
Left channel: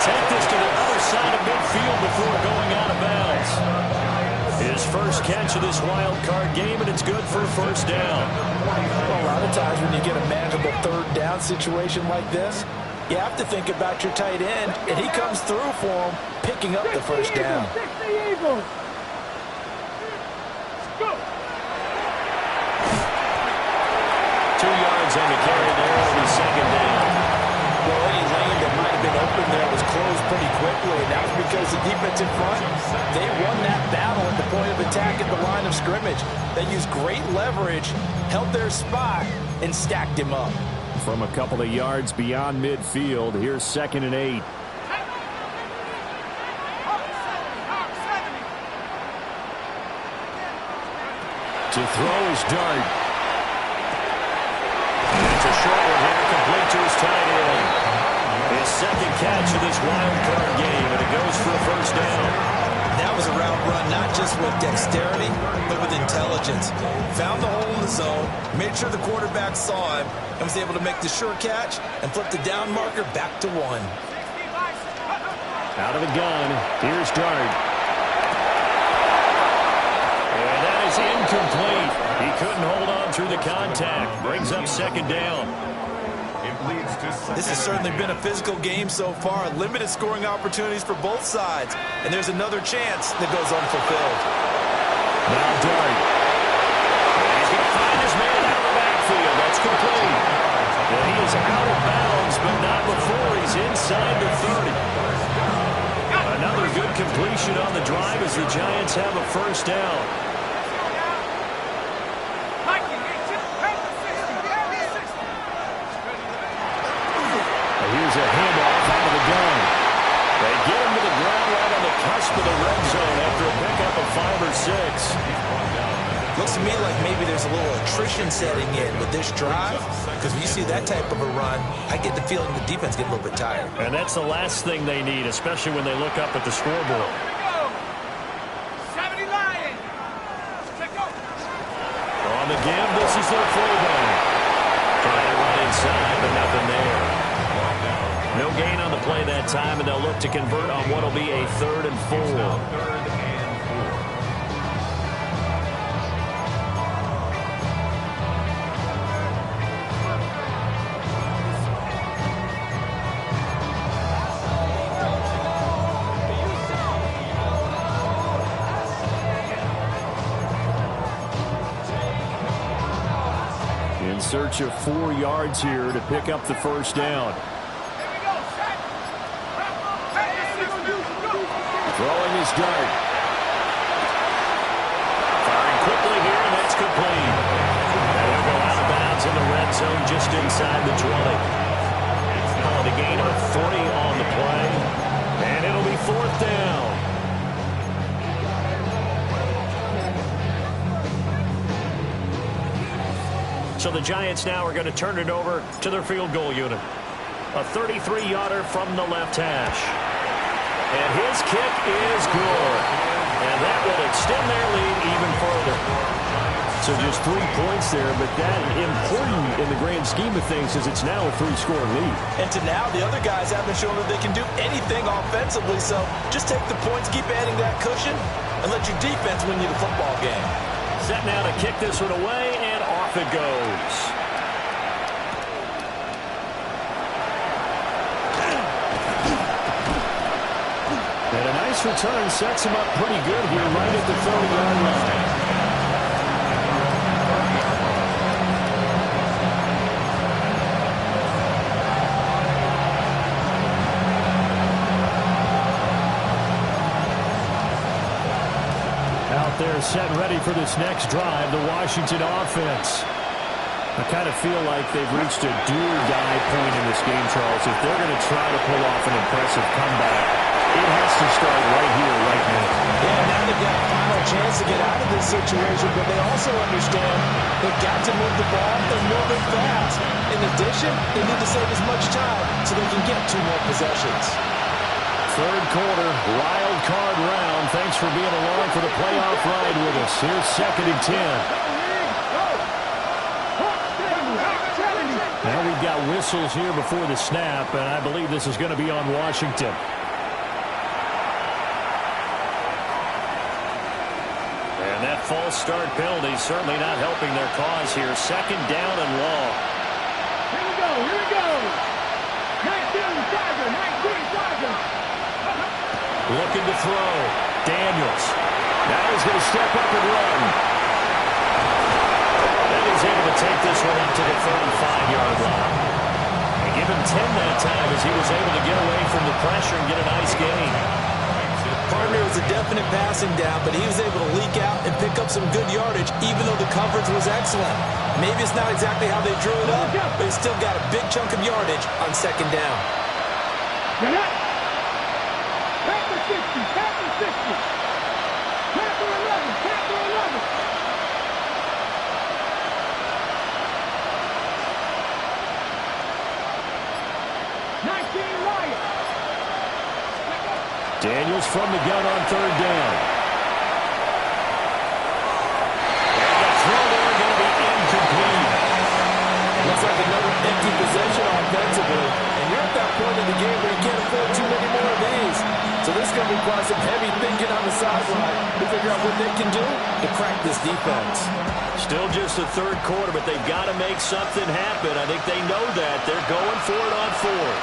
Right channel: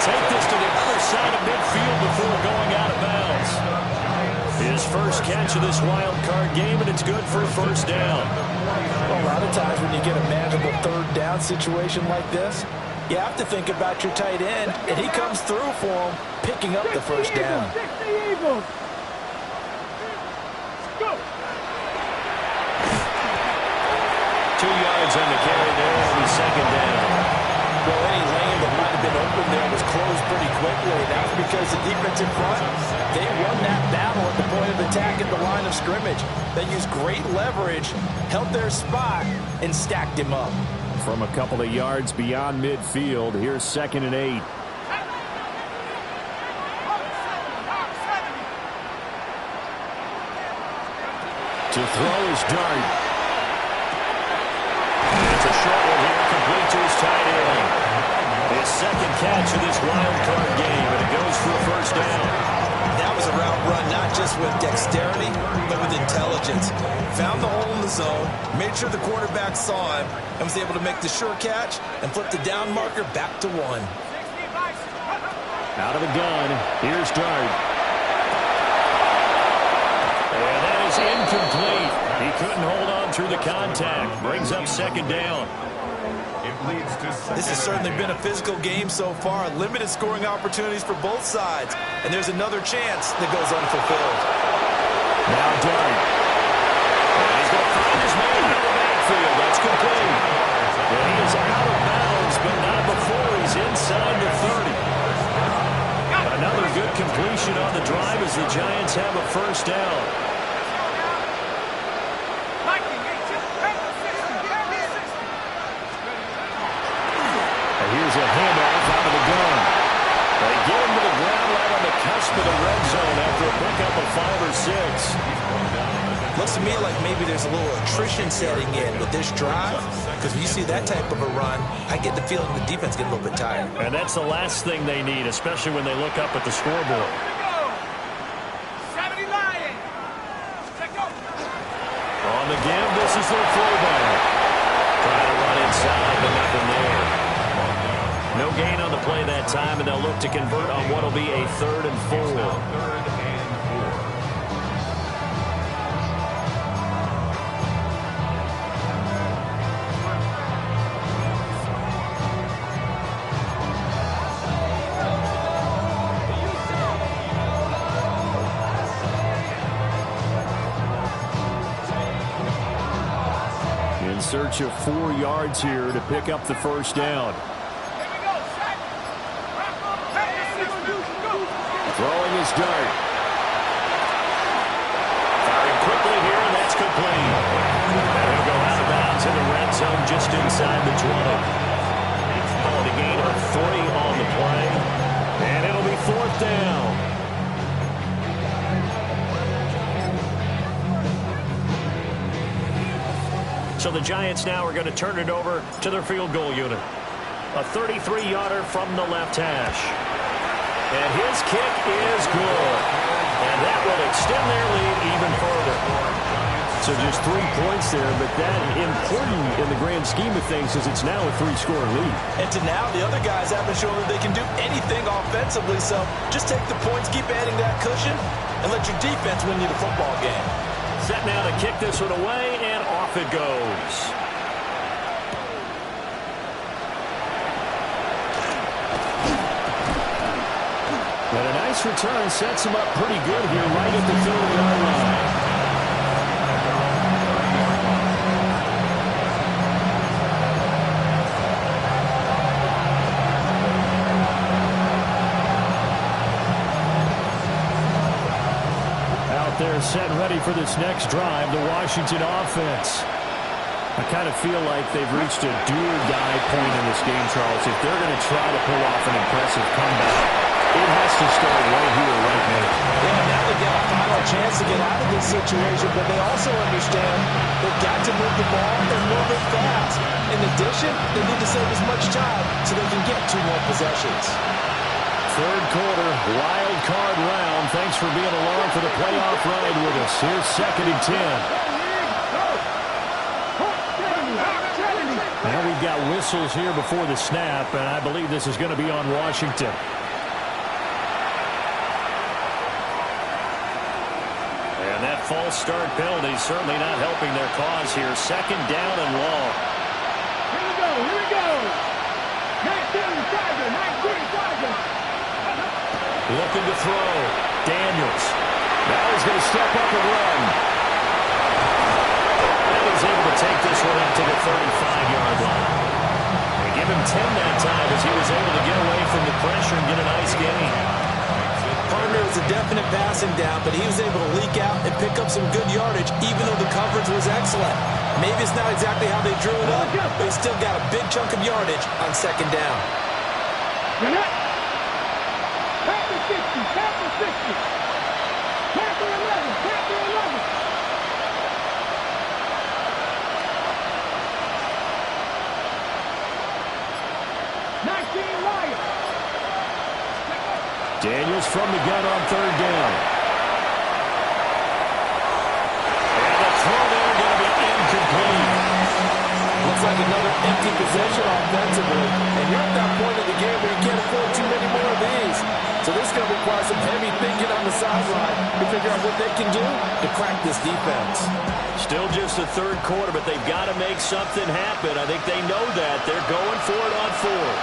Take this to the other side of midfield before going out of bounds. His first catch of this wild card game, and it's good for a first down. Well, a lot of times when you get a manageable third down situation like this, you have to think about your tight end, and he comes through for him, picking up the first down. 60 Eagles. Go. 2 yards on the carry there. It'll be 2nd down. Well, any lane that might have been open there was closed pretty quickly, and that was because the defense in front, they won that battle at the point of attack at the line of scrimmage. They used great leverage, held their spot, and stacked him up. From a couple of yards beyond midfield, here's 2nd and 8. To throw is Dart. It's a short one here, complete to his tight end. His 2nd catch of this wild card game, and it goes for a first down. That was a route run, not just with dexterity, but with intelligence. Found the hole in the zone, made sure the quarterback saw him, and was able to make the sure catch and flip the down marker back to 1. Out of the gun, here's Dart. And that is incomplete. He couldn't hold on through the contact. Brings up 2nd down. It leads to This has certainly been a physical game so far. Limited scoring opportunities for both sides. And there's another chance that goes unfulfilled. Now Dart. And he's going to find his man out of the backfield. That's complete. And he is out of bounds, but not before he's inside the 30. Another good completion on the drive as the Giants have a first down. Here's a handoff out of the gun. They get him to the ground right on the cusp of the red zone after a pickup of 5 or 6. Looks to me like maybe there's a little attrition setting in with this drive, because when you see that type of a run, I get the feeling the defense get a little bit tired. And that's the last thing they need, especially when they look up at the scoreboard. On the give, this is their fullback. Trying to run inside, but nothing there. No gain on the play that time, and they'll look to convert on what will be a 3rd and 4. In search of 4 yards here to pick up the first down. Throwing his dart. Firing quickly here, and that's complete. And he'll go out of bounds in the red zone just inside the 20. Oh, the gain of 3 on the play. And it'll be 4th down. So the Giants now are going to turn it over to their field goal unit. A 33-yarder from the left hash. And his kick is good. And that will extend their lead even further. So just 3 points there, but that important in the grand scheme of things is it's now a 3-score lead. And to now, the other guys haven't shown that they can do anything offensively, so just take the points, keep adding that cushion, and let your defense win you the football game. Set now to kick this one away, and off it goes. And a nice return sets him up pretty good here right at the 30-yard line. Out there set ready for this next drive, the Washington offense. I kind of feel like they've reached a do-or-die point in this game, Charles. If they're going to try to pull off an impressive comeback, it has to start right here, right now. Yeah, now they've got a final chance to get out of this situation, but they also understand they've got to move the ball and move it fast. In addition, they need to save as much time so they can get 2 more possessions. 3rd quarter, wild card round. Thanks for being along for the playoff ride with us. Here's 2nd and 10. Now we've got whistles here before the snap, and I believe this is going to be on Washington. And that false start penalty certainly not helping their cause here. 2nd down and long. Here we go, here we go. 19 Tiger. Looking to throw. Daniels. Now he's going to step up and run. And he's able to take this one up to the 35-yard line. And give him 10 that time as he was able to get away from the pressure and get a nice gain. Partner was a definite passing down, but he was able to leak out and pick up some good yardage, even though the coverage was excellent. Maybe it's not exactly how they drew it up, but he still got a big chunk of yardage on 2nd down. Panther 60. Panther 11. 19 Lions. Daniels from the gun on 3rd down. And the throw there going to be incomplete. Looks like another empty possession offensively. And you're at that point in the game where you can't afford too many more of these. So this It's going to require some heavy thinking on the sideline to figure out what they can do to crack this defense. Still just the third quarter, but they've got to make something happen. I think they know that. They're going for it on fourth.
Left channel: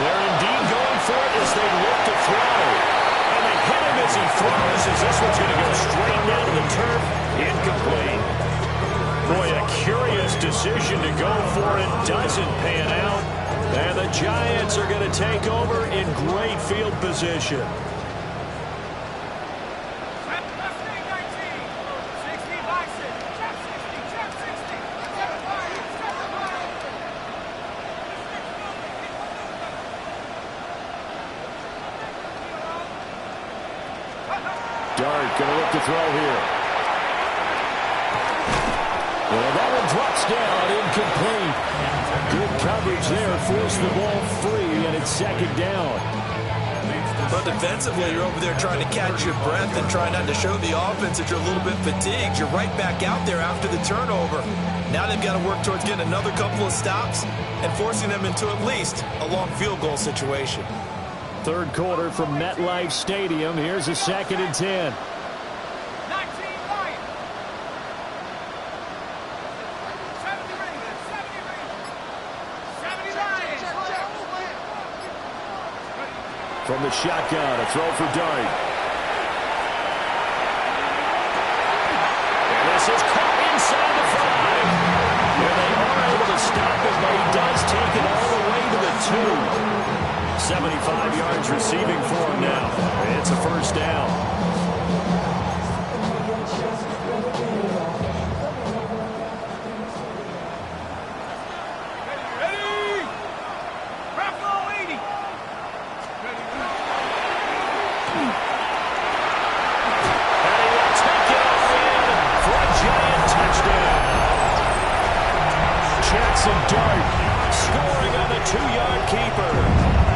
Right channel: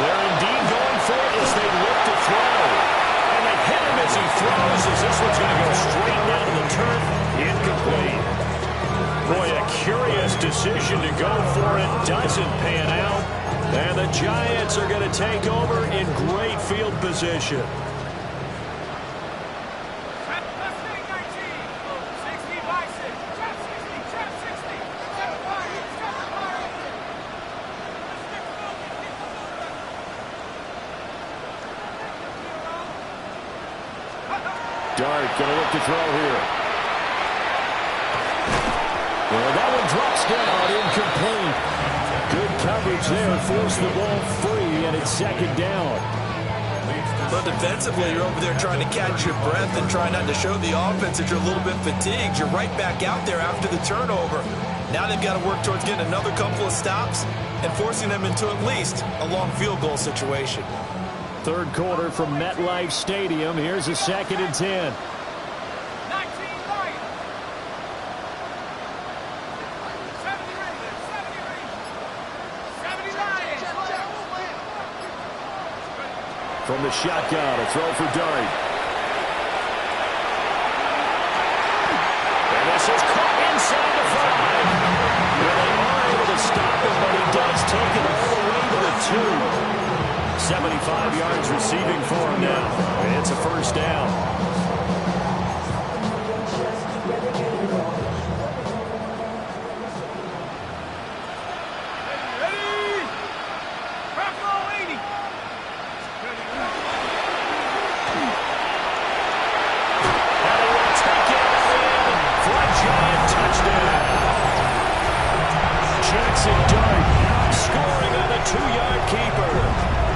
They're indeed going for it as they look to throw. And they hit him as he throws, as this one's going to go straight down to the turf. Incomplete. Boy, a curious decision to go for it. Doesn't pan out. And the Giants are going to take over in great field position. Dart going to look to throw here. And that one drops down, incomplete. Good coverage there, forced the ball free, and it's second down. But defensively, you're over there trying to catch your breath and try not to show the offense that you're a little bit fatigued. You're right back out there after the turnover. Now they've got to work towards getting another couple of stops and forcing them into at least a long field goal situation. Third quarter from MetLife Stadium. Here's a 2nd and 10. 19 Lions. 70 Ravens. 70 Lions. From the shotgun, a throw for Dart. And this is caught inside the 5. Where they are able to stop him, but he does take it all the way to the 2. 75 yards receiving for him now. It's a first down. Ready? Bravo 80. And he will take it all in for a Giant touchdown. Jackson Dart scoring on the 2-yard keeper.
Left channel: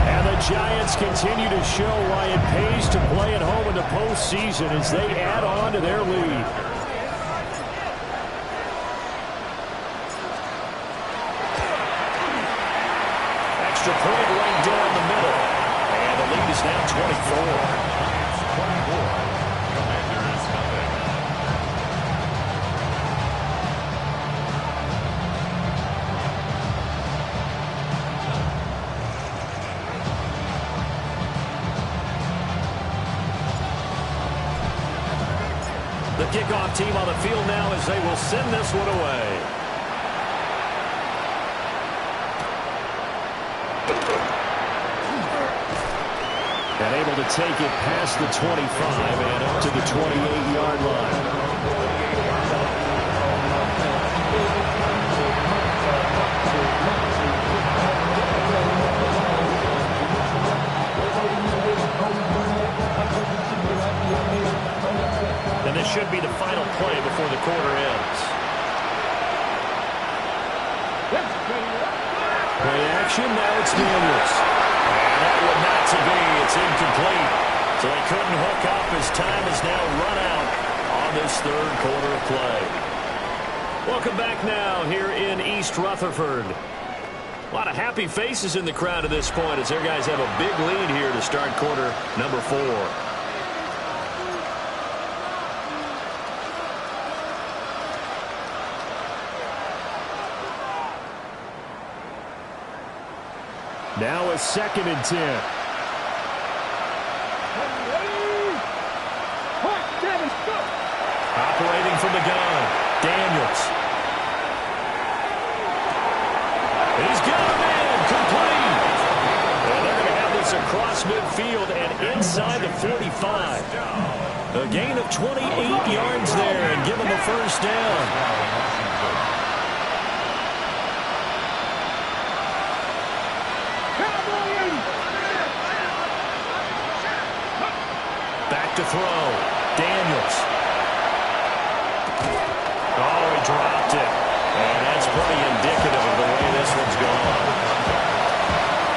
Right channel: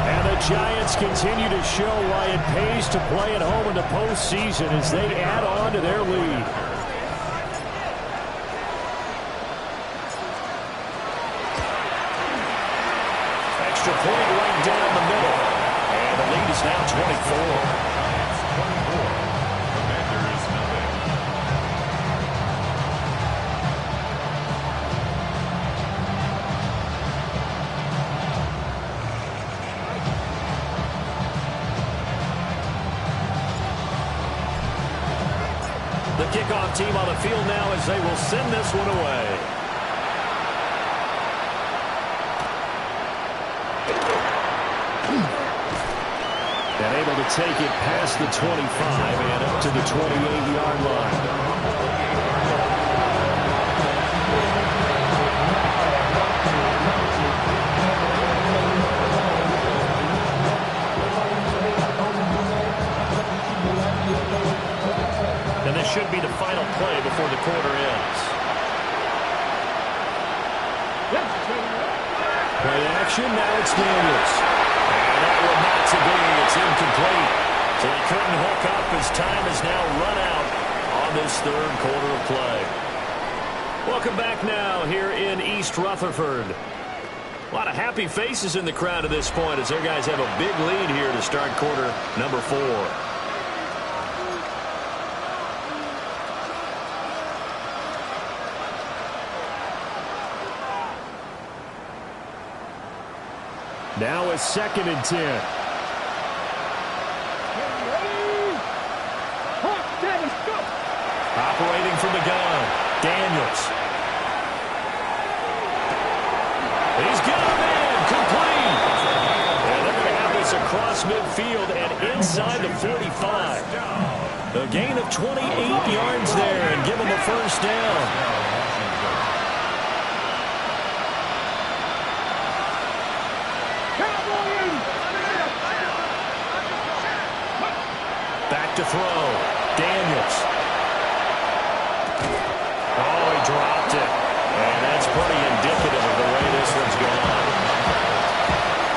And the Giants continue to show why it pays to play at home in the postseason as they add on to their lead. Extra point right down the middle. And the lead is now 24. Giants 24. Commanders nothing. The kickoff team on the field now as they will send this one away. And able to take it past the 25 and up to the 28-yard line. And this should be the final play before the quarter ends. Play action, now it's Daniels. And that one not to be, it's incomplete. So they couldn't hook up as time has now run out on this third quarter of play. Welcome back now here in East Rutherford. A lot of happy faces in the crowd at this point as their guys have a big lead here to start quarter number 4. Now it's 2nd and 10. Operating from the gun, Daniels. He's got a man, complete. And they're going to have this across midfield and inside the 45. A gain of 28 yards there and give them a first down. Back to throw. Daniels. Oh, he dropped it. And that's pretty indicative of the way this one's gone.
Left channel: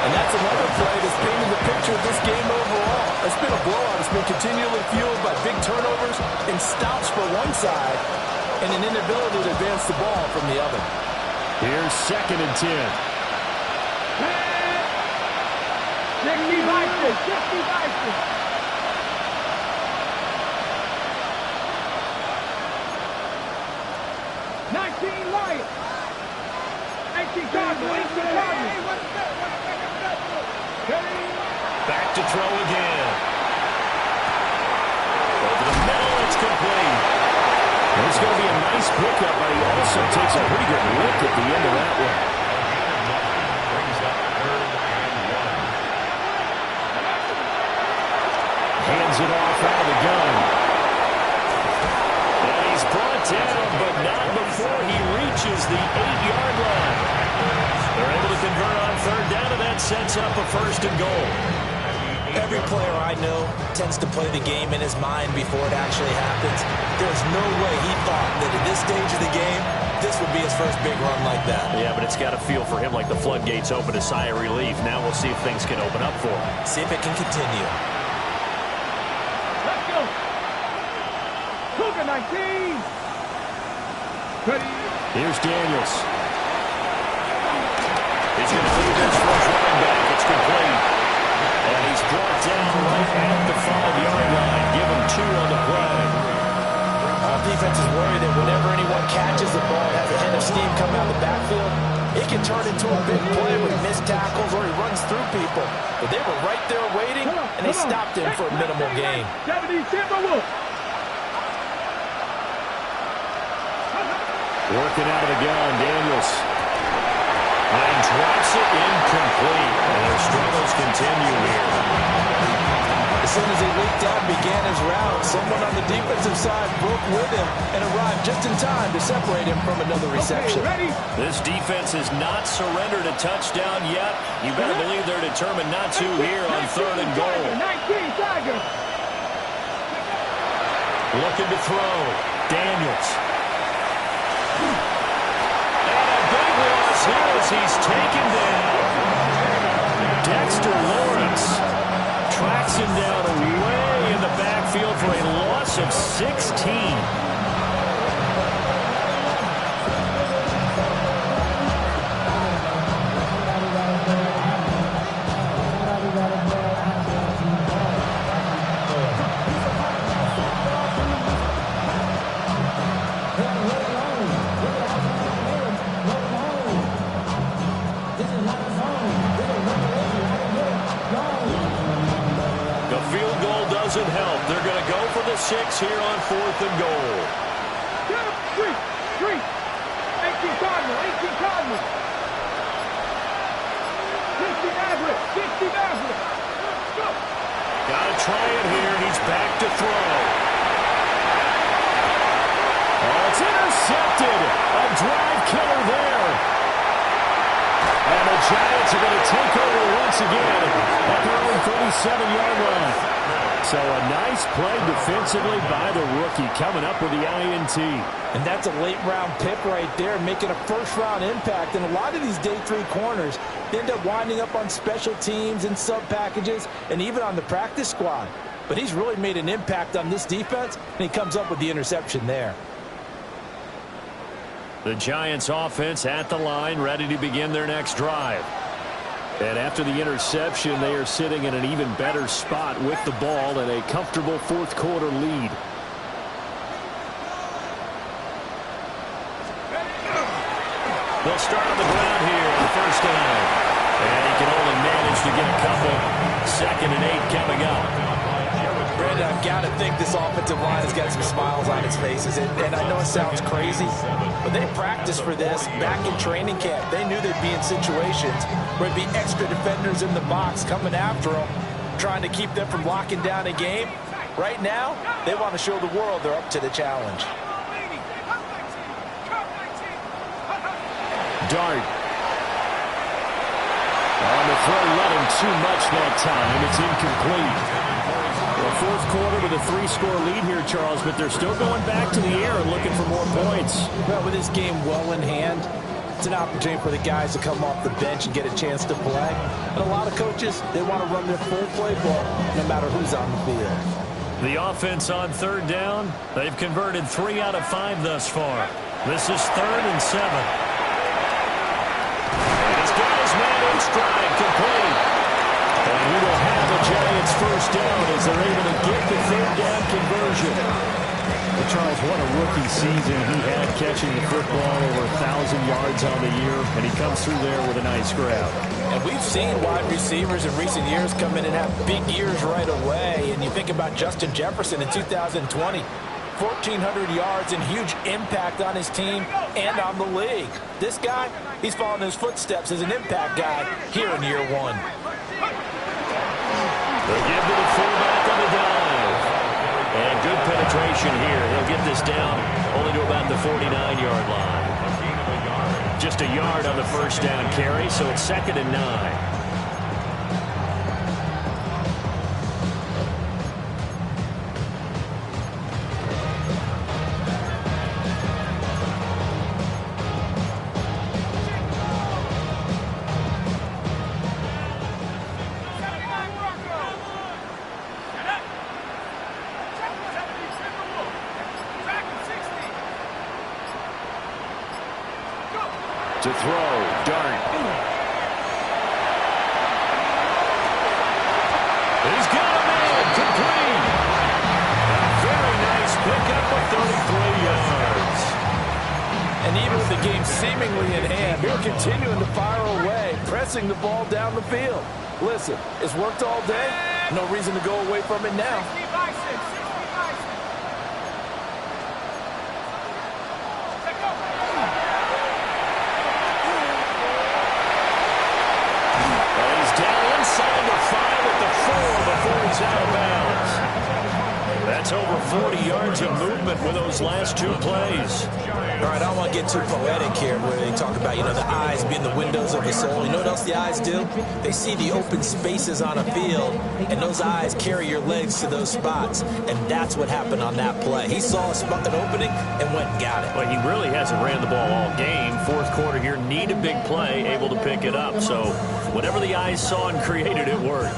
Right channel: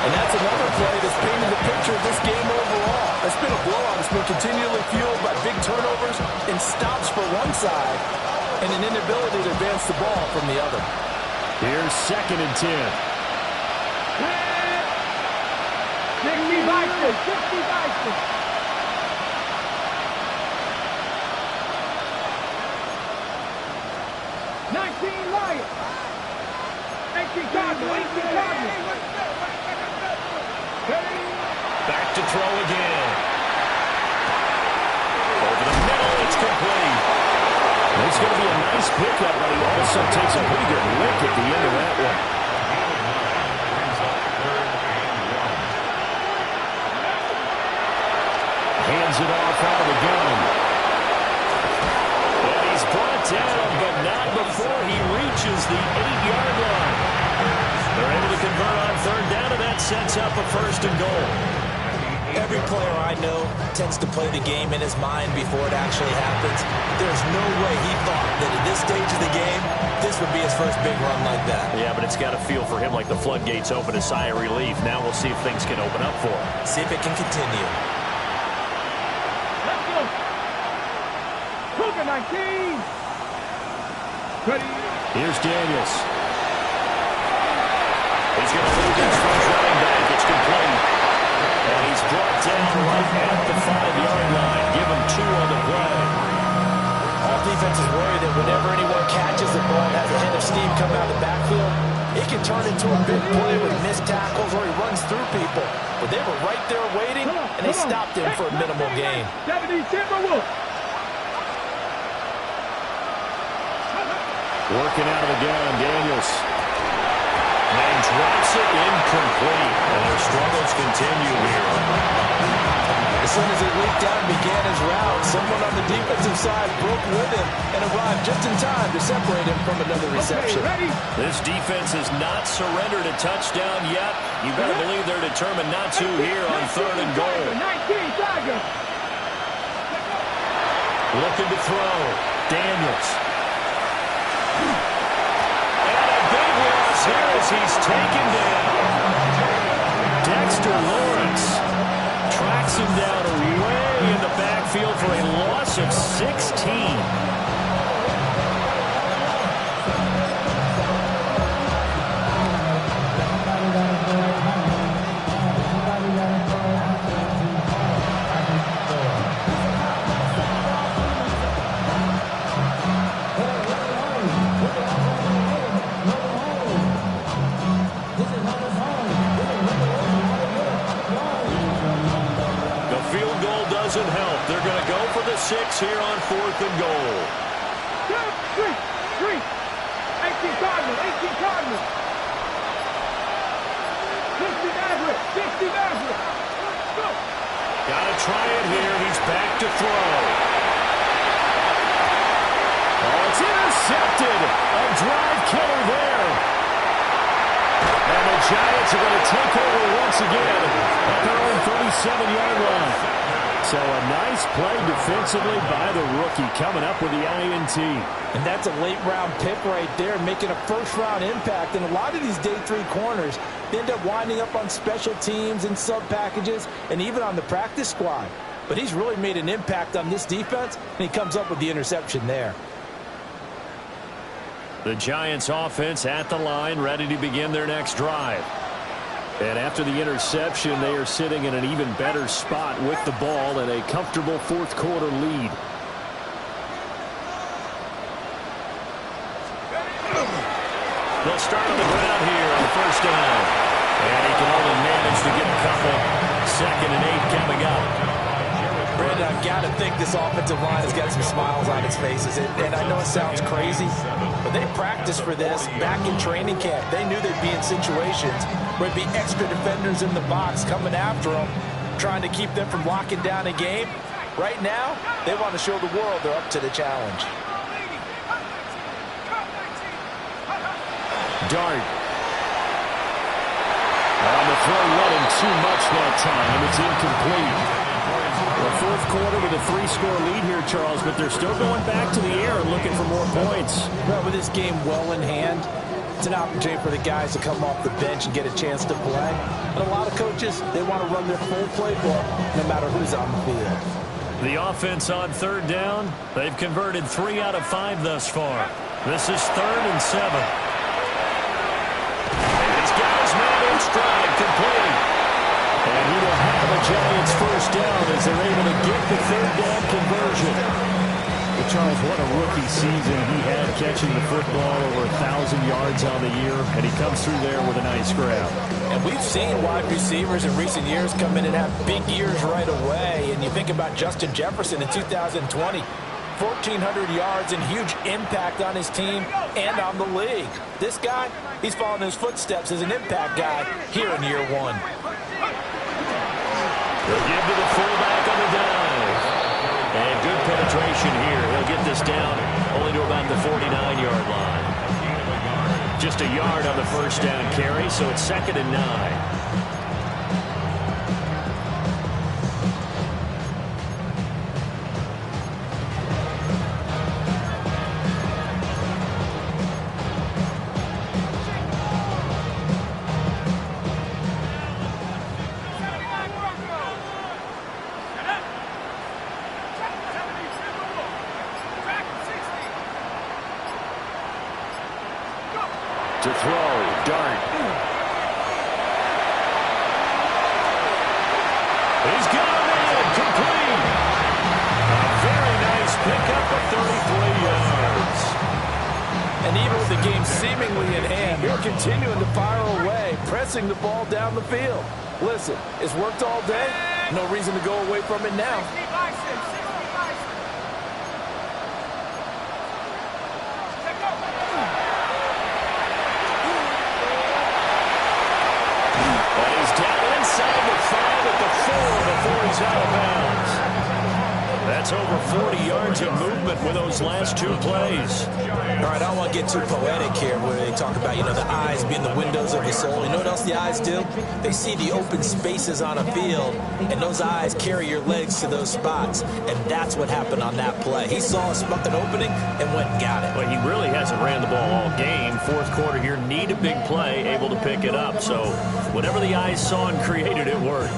And that's another play that's painted the picture of this game overall. It's been a blowout. It's been continually fueled by big turnovers and stops for one side and an inability to advance the ball from the other. Here's 2nd and 10. 60 Vikings, 60 Vikings. 19 Lions. 18 Cardinals, 18 Cardinals. Back to throw again. Over the middle, it's complete. It's going to be a nice pickup, but he also takes a pretty good lick at the end of that one. Brings up 3rd and 1. Hands it off out of the gun. And he's brought down, but not before he reaches the 8-yard line. They're able to convert on 3rd down, and that sets up a 1st and goal. Every player I know tends to play the game in his mind before it actually happens. There's no way he thought that at this stage of the game, this would be his first big run like that. Yeah, but it's got to feel for him like the floodgates open, a sigh of relief. Now we'll see if things can open up for him. See if it can continue. Let's go. Cougar 19. Ready. Here's Daniels. He's going to lead this first running back. It's complete. And he's brought down right at the 5-yard line. Give him 2 on the play. All defenses worry that whenever anyone catches the ball and has a head of steam come out of the backfield, it can turn into a big play with missed tackles or he runs through people. But they were right there waiting, and they stopped him for a minimal gain. 70 Timberwolves. Working out of the gun, Daniels. And drops it incomplete. And their struggles continue here. As soon as he leaked out and began his route, someone on the defensive side broke with him and arrived just in time to separate him from another reception. Okay, ready? This defense has not surrendered a touchdown yet. You better believe they're determined not to here on 3rd and goal. 19 Tiger. Looking to throw. Daniels. And a big loss here as he's taken down. Dexter Lawrence tracks him down away in the backfield for a loss of 16. Doesn't help. They're going to go for the 6 here on 4th and goal. 3. 18 Cardinals. 18 Cardinals. 60 Maverick. 60 Maverick. Go. Got to try it here. He's back to throw. Oh, it's intercepted. A drive killer there. And the Giants are going to take over once again at their own 37-yard line. So a nice play defensively by the rookie coming up with the INT. And that's a late-round pick right there, making a first-round impact. And a lot of these day 3 corners, they end up winding up on special teams and sub-packages and even on the practice squad. But he's really made an impact on this defense, and he comes up with the interception there. The Giants offense at the line, ready to begin their next drive. And after the interception, they are sitting in an even better spot with the ball and a comfortable 4th quarter lead. They'll start on the ground here on 1st down. And he can only manage to get a couple. 2nd and 8 coming up. Brandon, I've got to think this offensive line has got some smiles on its faces. And I know it sounds crazy, but they practiced for this back in training camp. They knew they'd be in situations where there'd be extra defenders in the box coming after them, trying to keep them from locking down a game. Right now, they want to show the world they're up to the challenge. Dart. On the throw, let him too much that time. It's incomplete. The 4th quarter with a 3-score lead here, Charles, but they're still going back to the air and looking for more points. Well, with this game well in hand, it's an opportunity for the guys to come off the bench and get a chance to play. And a lot of coaches, they want to run their full playbook no matter who's on the field. The offense on 3rd down, they've converted 3 out of 5 thus far. This is 3rd and 7. And he's got his man in stride, complete. And Giants first down as they're able to get the third down conversion. Well, Charles, what a rookie season he had catching the football, over 1,000 yards on the year, and he comes through there with a nice grab. And we've seen wide receivers in recent years come in and have big years right away. And you think about Justin Jefferson in 2020. 1,400 yards and huge impact on his team and on the league. This guy, he's following his footsteps as an impact guy here in year one. They'll give to the fullback on the dive. And good penetration here. He'll get this down only to about the 49-yard line. Just a yard on the first down carry, so it's 2nd and 9. To throw, Dart. He's got him in, complete. A very nice pickup of 33 yards. And even with the game seemingly in hand, they're continuing to fire away, pressing the ball down the field. Listen, it's worked all day. No reason to go away from it now. Down inside the 5 at the 4 before he's out of bounds. That's over 40 yards of movement with those last 2 plays. All right, I don't want to get too poetic here where they talk about, the eyes being the windows of the soul. You know what else the eyes do? They see the open spaces on a field, and those eyes carry your legs to those spots. And that's what happened on that play. He saw an opening and went and got it. Well, he really hasn't ran the ball all game. Fourth quarter here, need a big play, able to pick it up. So whatever the eyes saw and created, it worked.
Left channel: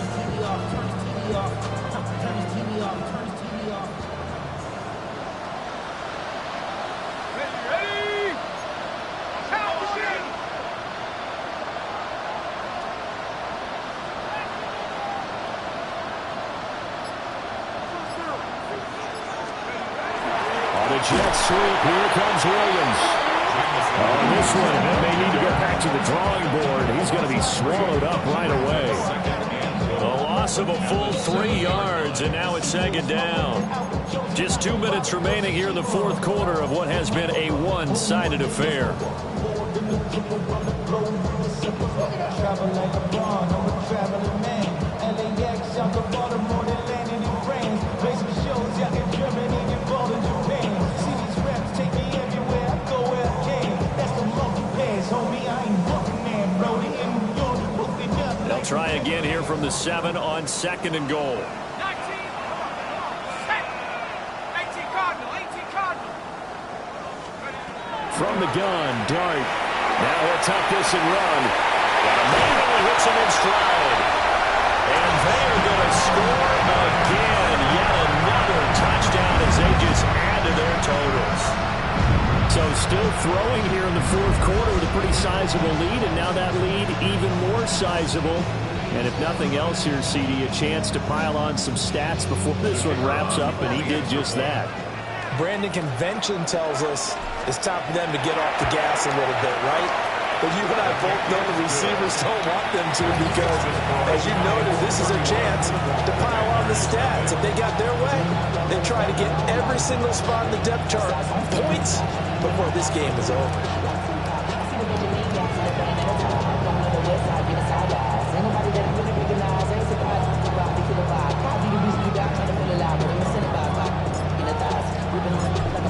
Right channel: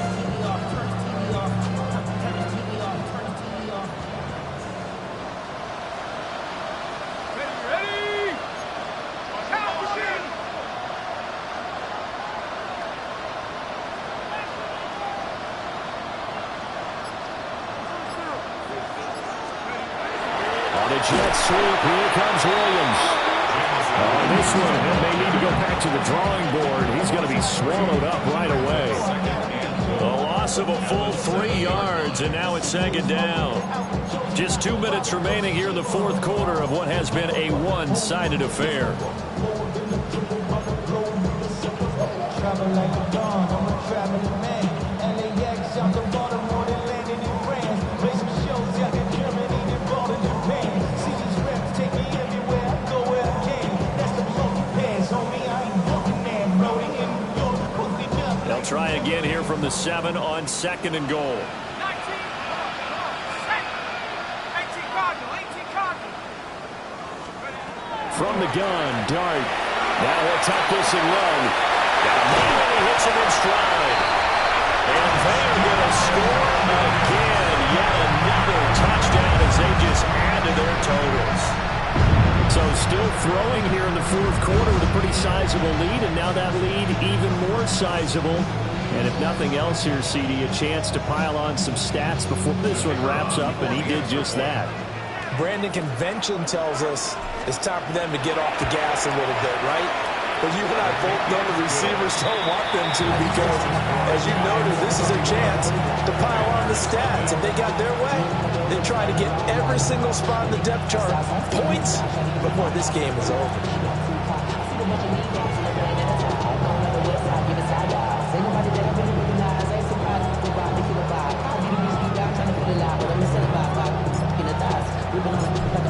The jet sweep. Here comes Williams. On this one, and they need to go back to the drawing board. He's going to be swallowed up right away. A loss of a full 3 yards, and now it's 2nd down. Just 2 minutes remaining here in the fourth quarter of what has been a one-sided affair. Travel like a bond, I'm a traveling man. LAX out to Baltimore, then landed in France. Play some shows out in Germany, then bought in Japan. See these reps take me everywhere, I go where I can. That's the multi-pass, homie, I ain't walking there. Brody in New York, hooked it up. They'll try again here from the 7 on 2nd and goal. 19, come on, set. 18 Cardinal, 18 Cardinal. From the gun, Dart. Now he'll tuck this and run. Got a man and he hits him in stride. And they are going to score again. Yet another touchdown as they just add to their totals. So still throwing here in the fourth quarter with a pretty sizable lead. And now that lead even more sizable. And if nothing else here, CD, a chance to pile on some stats before this one wraps up. And he did just that. Brandon, convention tells us it's time for them to get off the gas a little bit, right? But you and I both know the receivers don't want them to because, as you noted, this is a chance to pile on the stats. If they got their way, they try to get every single spot in the depth chart points before this game is over.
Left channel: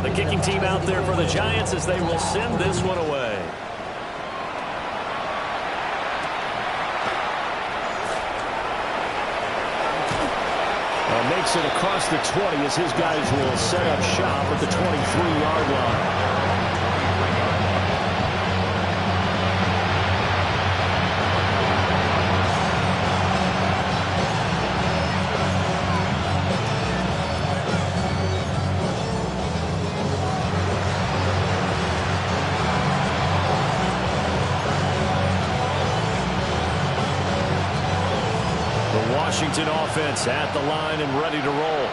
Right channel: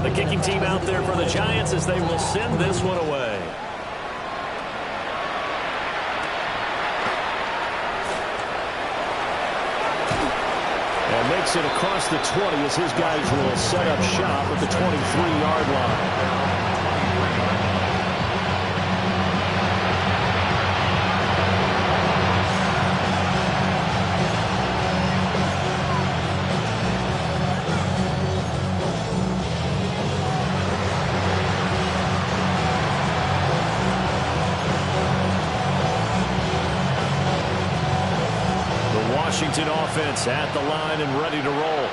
The kicking team out there for the Giants as they will send this one away. And makes it across the 20 as his guys will set up shop at the 23-yard line. The Washington offense at the line and ready to roll.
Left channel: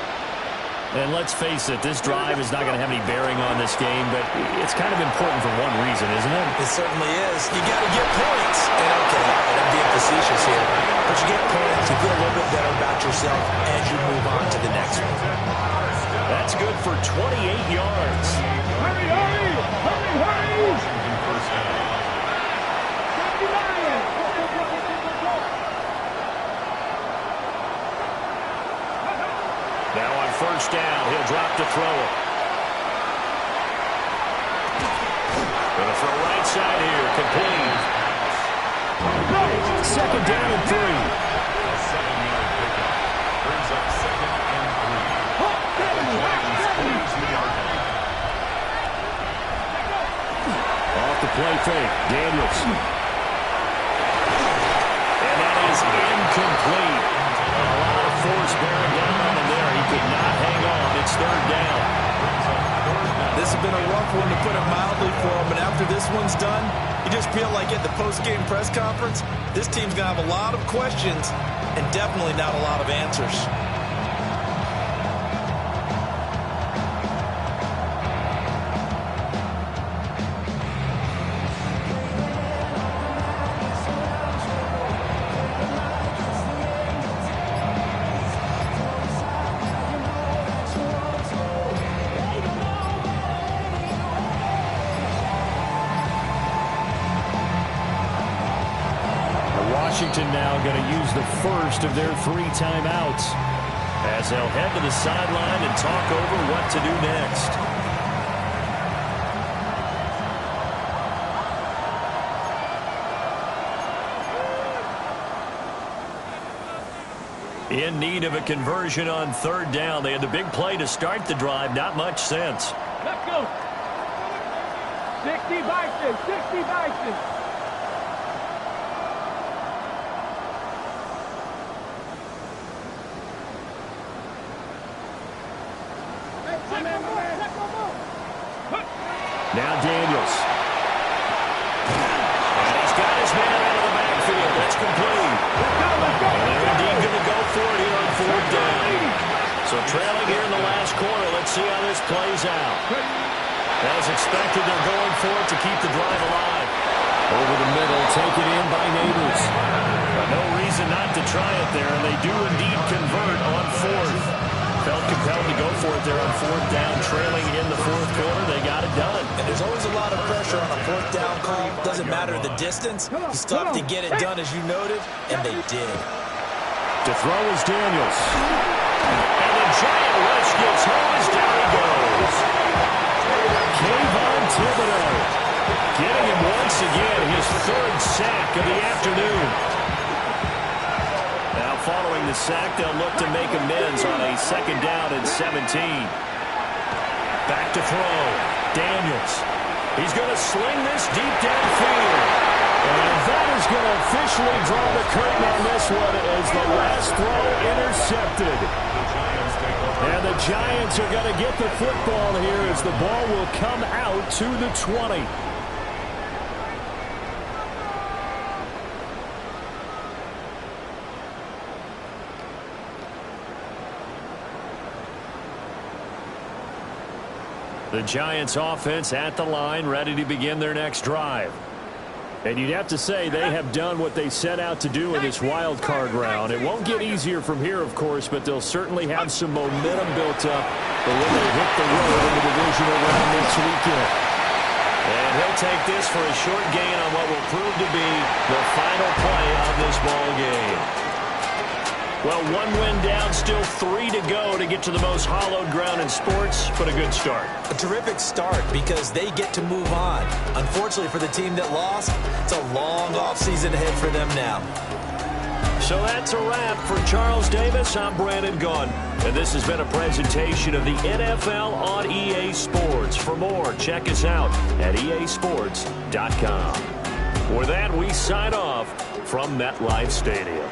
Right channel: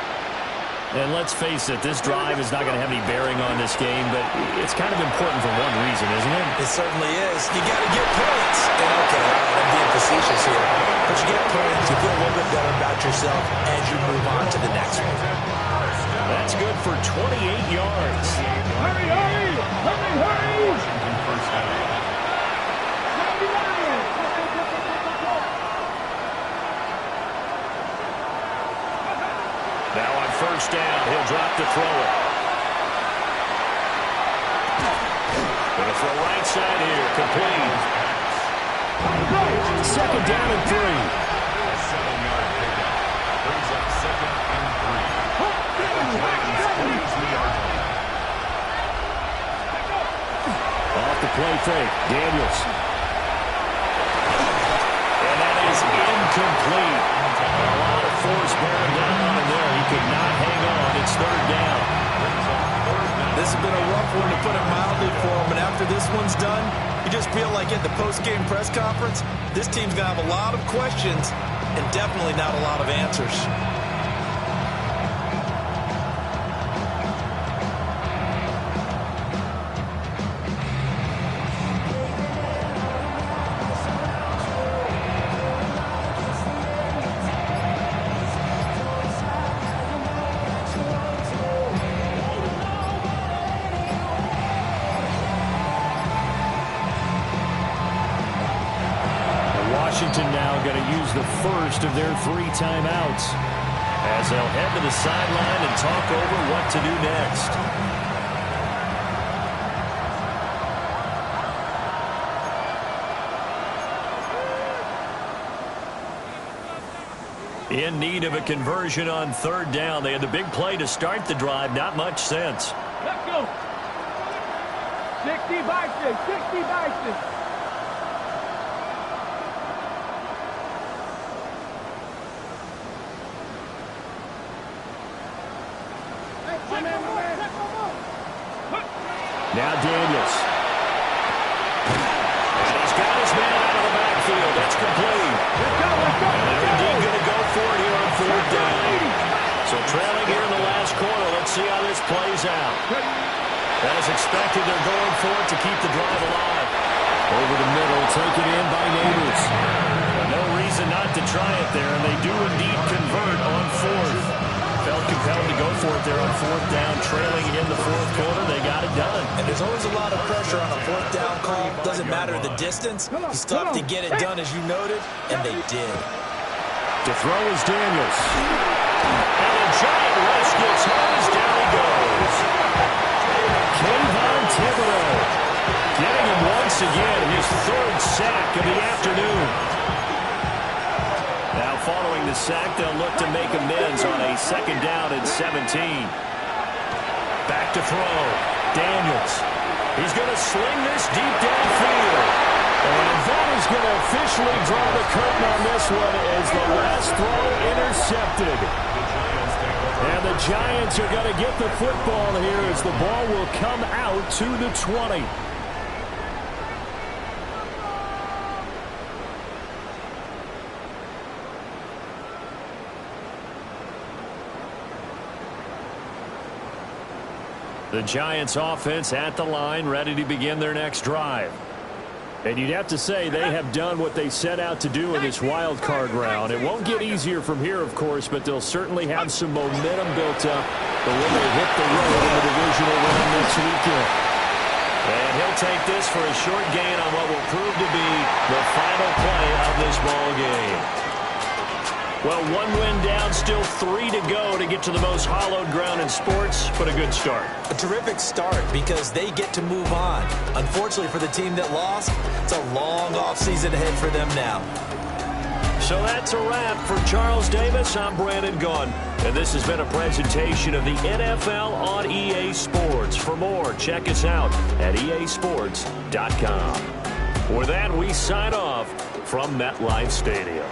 And let's face it, this drive is not going to have any bearing on this game, but it's kind of important for one reason, isn't it? It certainly is. You got to get points. And okay, all right, I'm being facetious here. But you get points, you feel a little bit better about yourself as you move on to the next one. That's good for 28 yards. Hurry, hurry! Hurry, hurry! Washington first down. 79! Now on first down, he'll drop to throw it. Going to throw right side here, complete. Second down and 3. A 7-yard pickup brings up 2nd and 3. The Giants close the yard line. Off the play fake, Daniels. And that is incomplete. A lot of force bearing down on him there. He could not hang on. It's 3rd down. This has been a rough one, to put it mildly, for him. And after this one's done, you just feel like at the post-game press conference, this team's going to have a lot of questions and definitely not a lot of answers. Washington now going to use the first of their 3 timeouts as they'll head to the sideline and talk over what to do next. In need of a conversion on 3rd down. They had the big play to start the drive. Not much sense. Let's go! 60 Bison! 60 Bison! Now Daniels. And he's got his man out of the backfield. That's complete. And they're indeed going to go for it here on 4th down. So trailing here in the last quarter. Let's see how this plays out. As expected, they're going for it to keep the drive alive. Over the middle, taken in by Neighbors. But no reason not to try it there, and they do indeed convert on 4th. Felt compelled to go for it there on 4th down, trailing in the 4th quarter. They got it done. And there's always a lot of pressure on a 4th down call. Doesn't matter the distance. You still have to get it done, as you noted, and they did. To throw is Daniels. And the giant rush gets home as down he goes. Kayvon Thibodeau getting him once again, his 3rd sack of the afternoon. Now following the sack, they'll look to make amends on a 2nd down and 17. Back to throw. Daniels. He's going to sling this deep downfield. And that is going to officially draw the curtain on this one as the last throw intercepted. And the Giants are going to get the football here as the ball will come out to the 20. The Giants offense at the line, ready to begin their next drive. And you'd have to say they have done what they set out to do in this wild card round. It won't get easier from here, of course, but they'll certainly have some momentum built up for when they hit the road in the divisional round next weekend. And he'll take this for a short gain on what will prove to be the final play of this ball game. Well, 1 win down, still 3 to go to get to the most hallowed ground in sports, but a good start. A terrific start because they get to move on. Unfortunately for the team that lost, it's a long offseason ahead for them now. So that's a wrap for Charles Davis. I'm Brandon Gaudin, and this has been a presentation of the NFL on EA Sports. For more, check us out at easports.com. For that, we sign off from MetLife Stadium.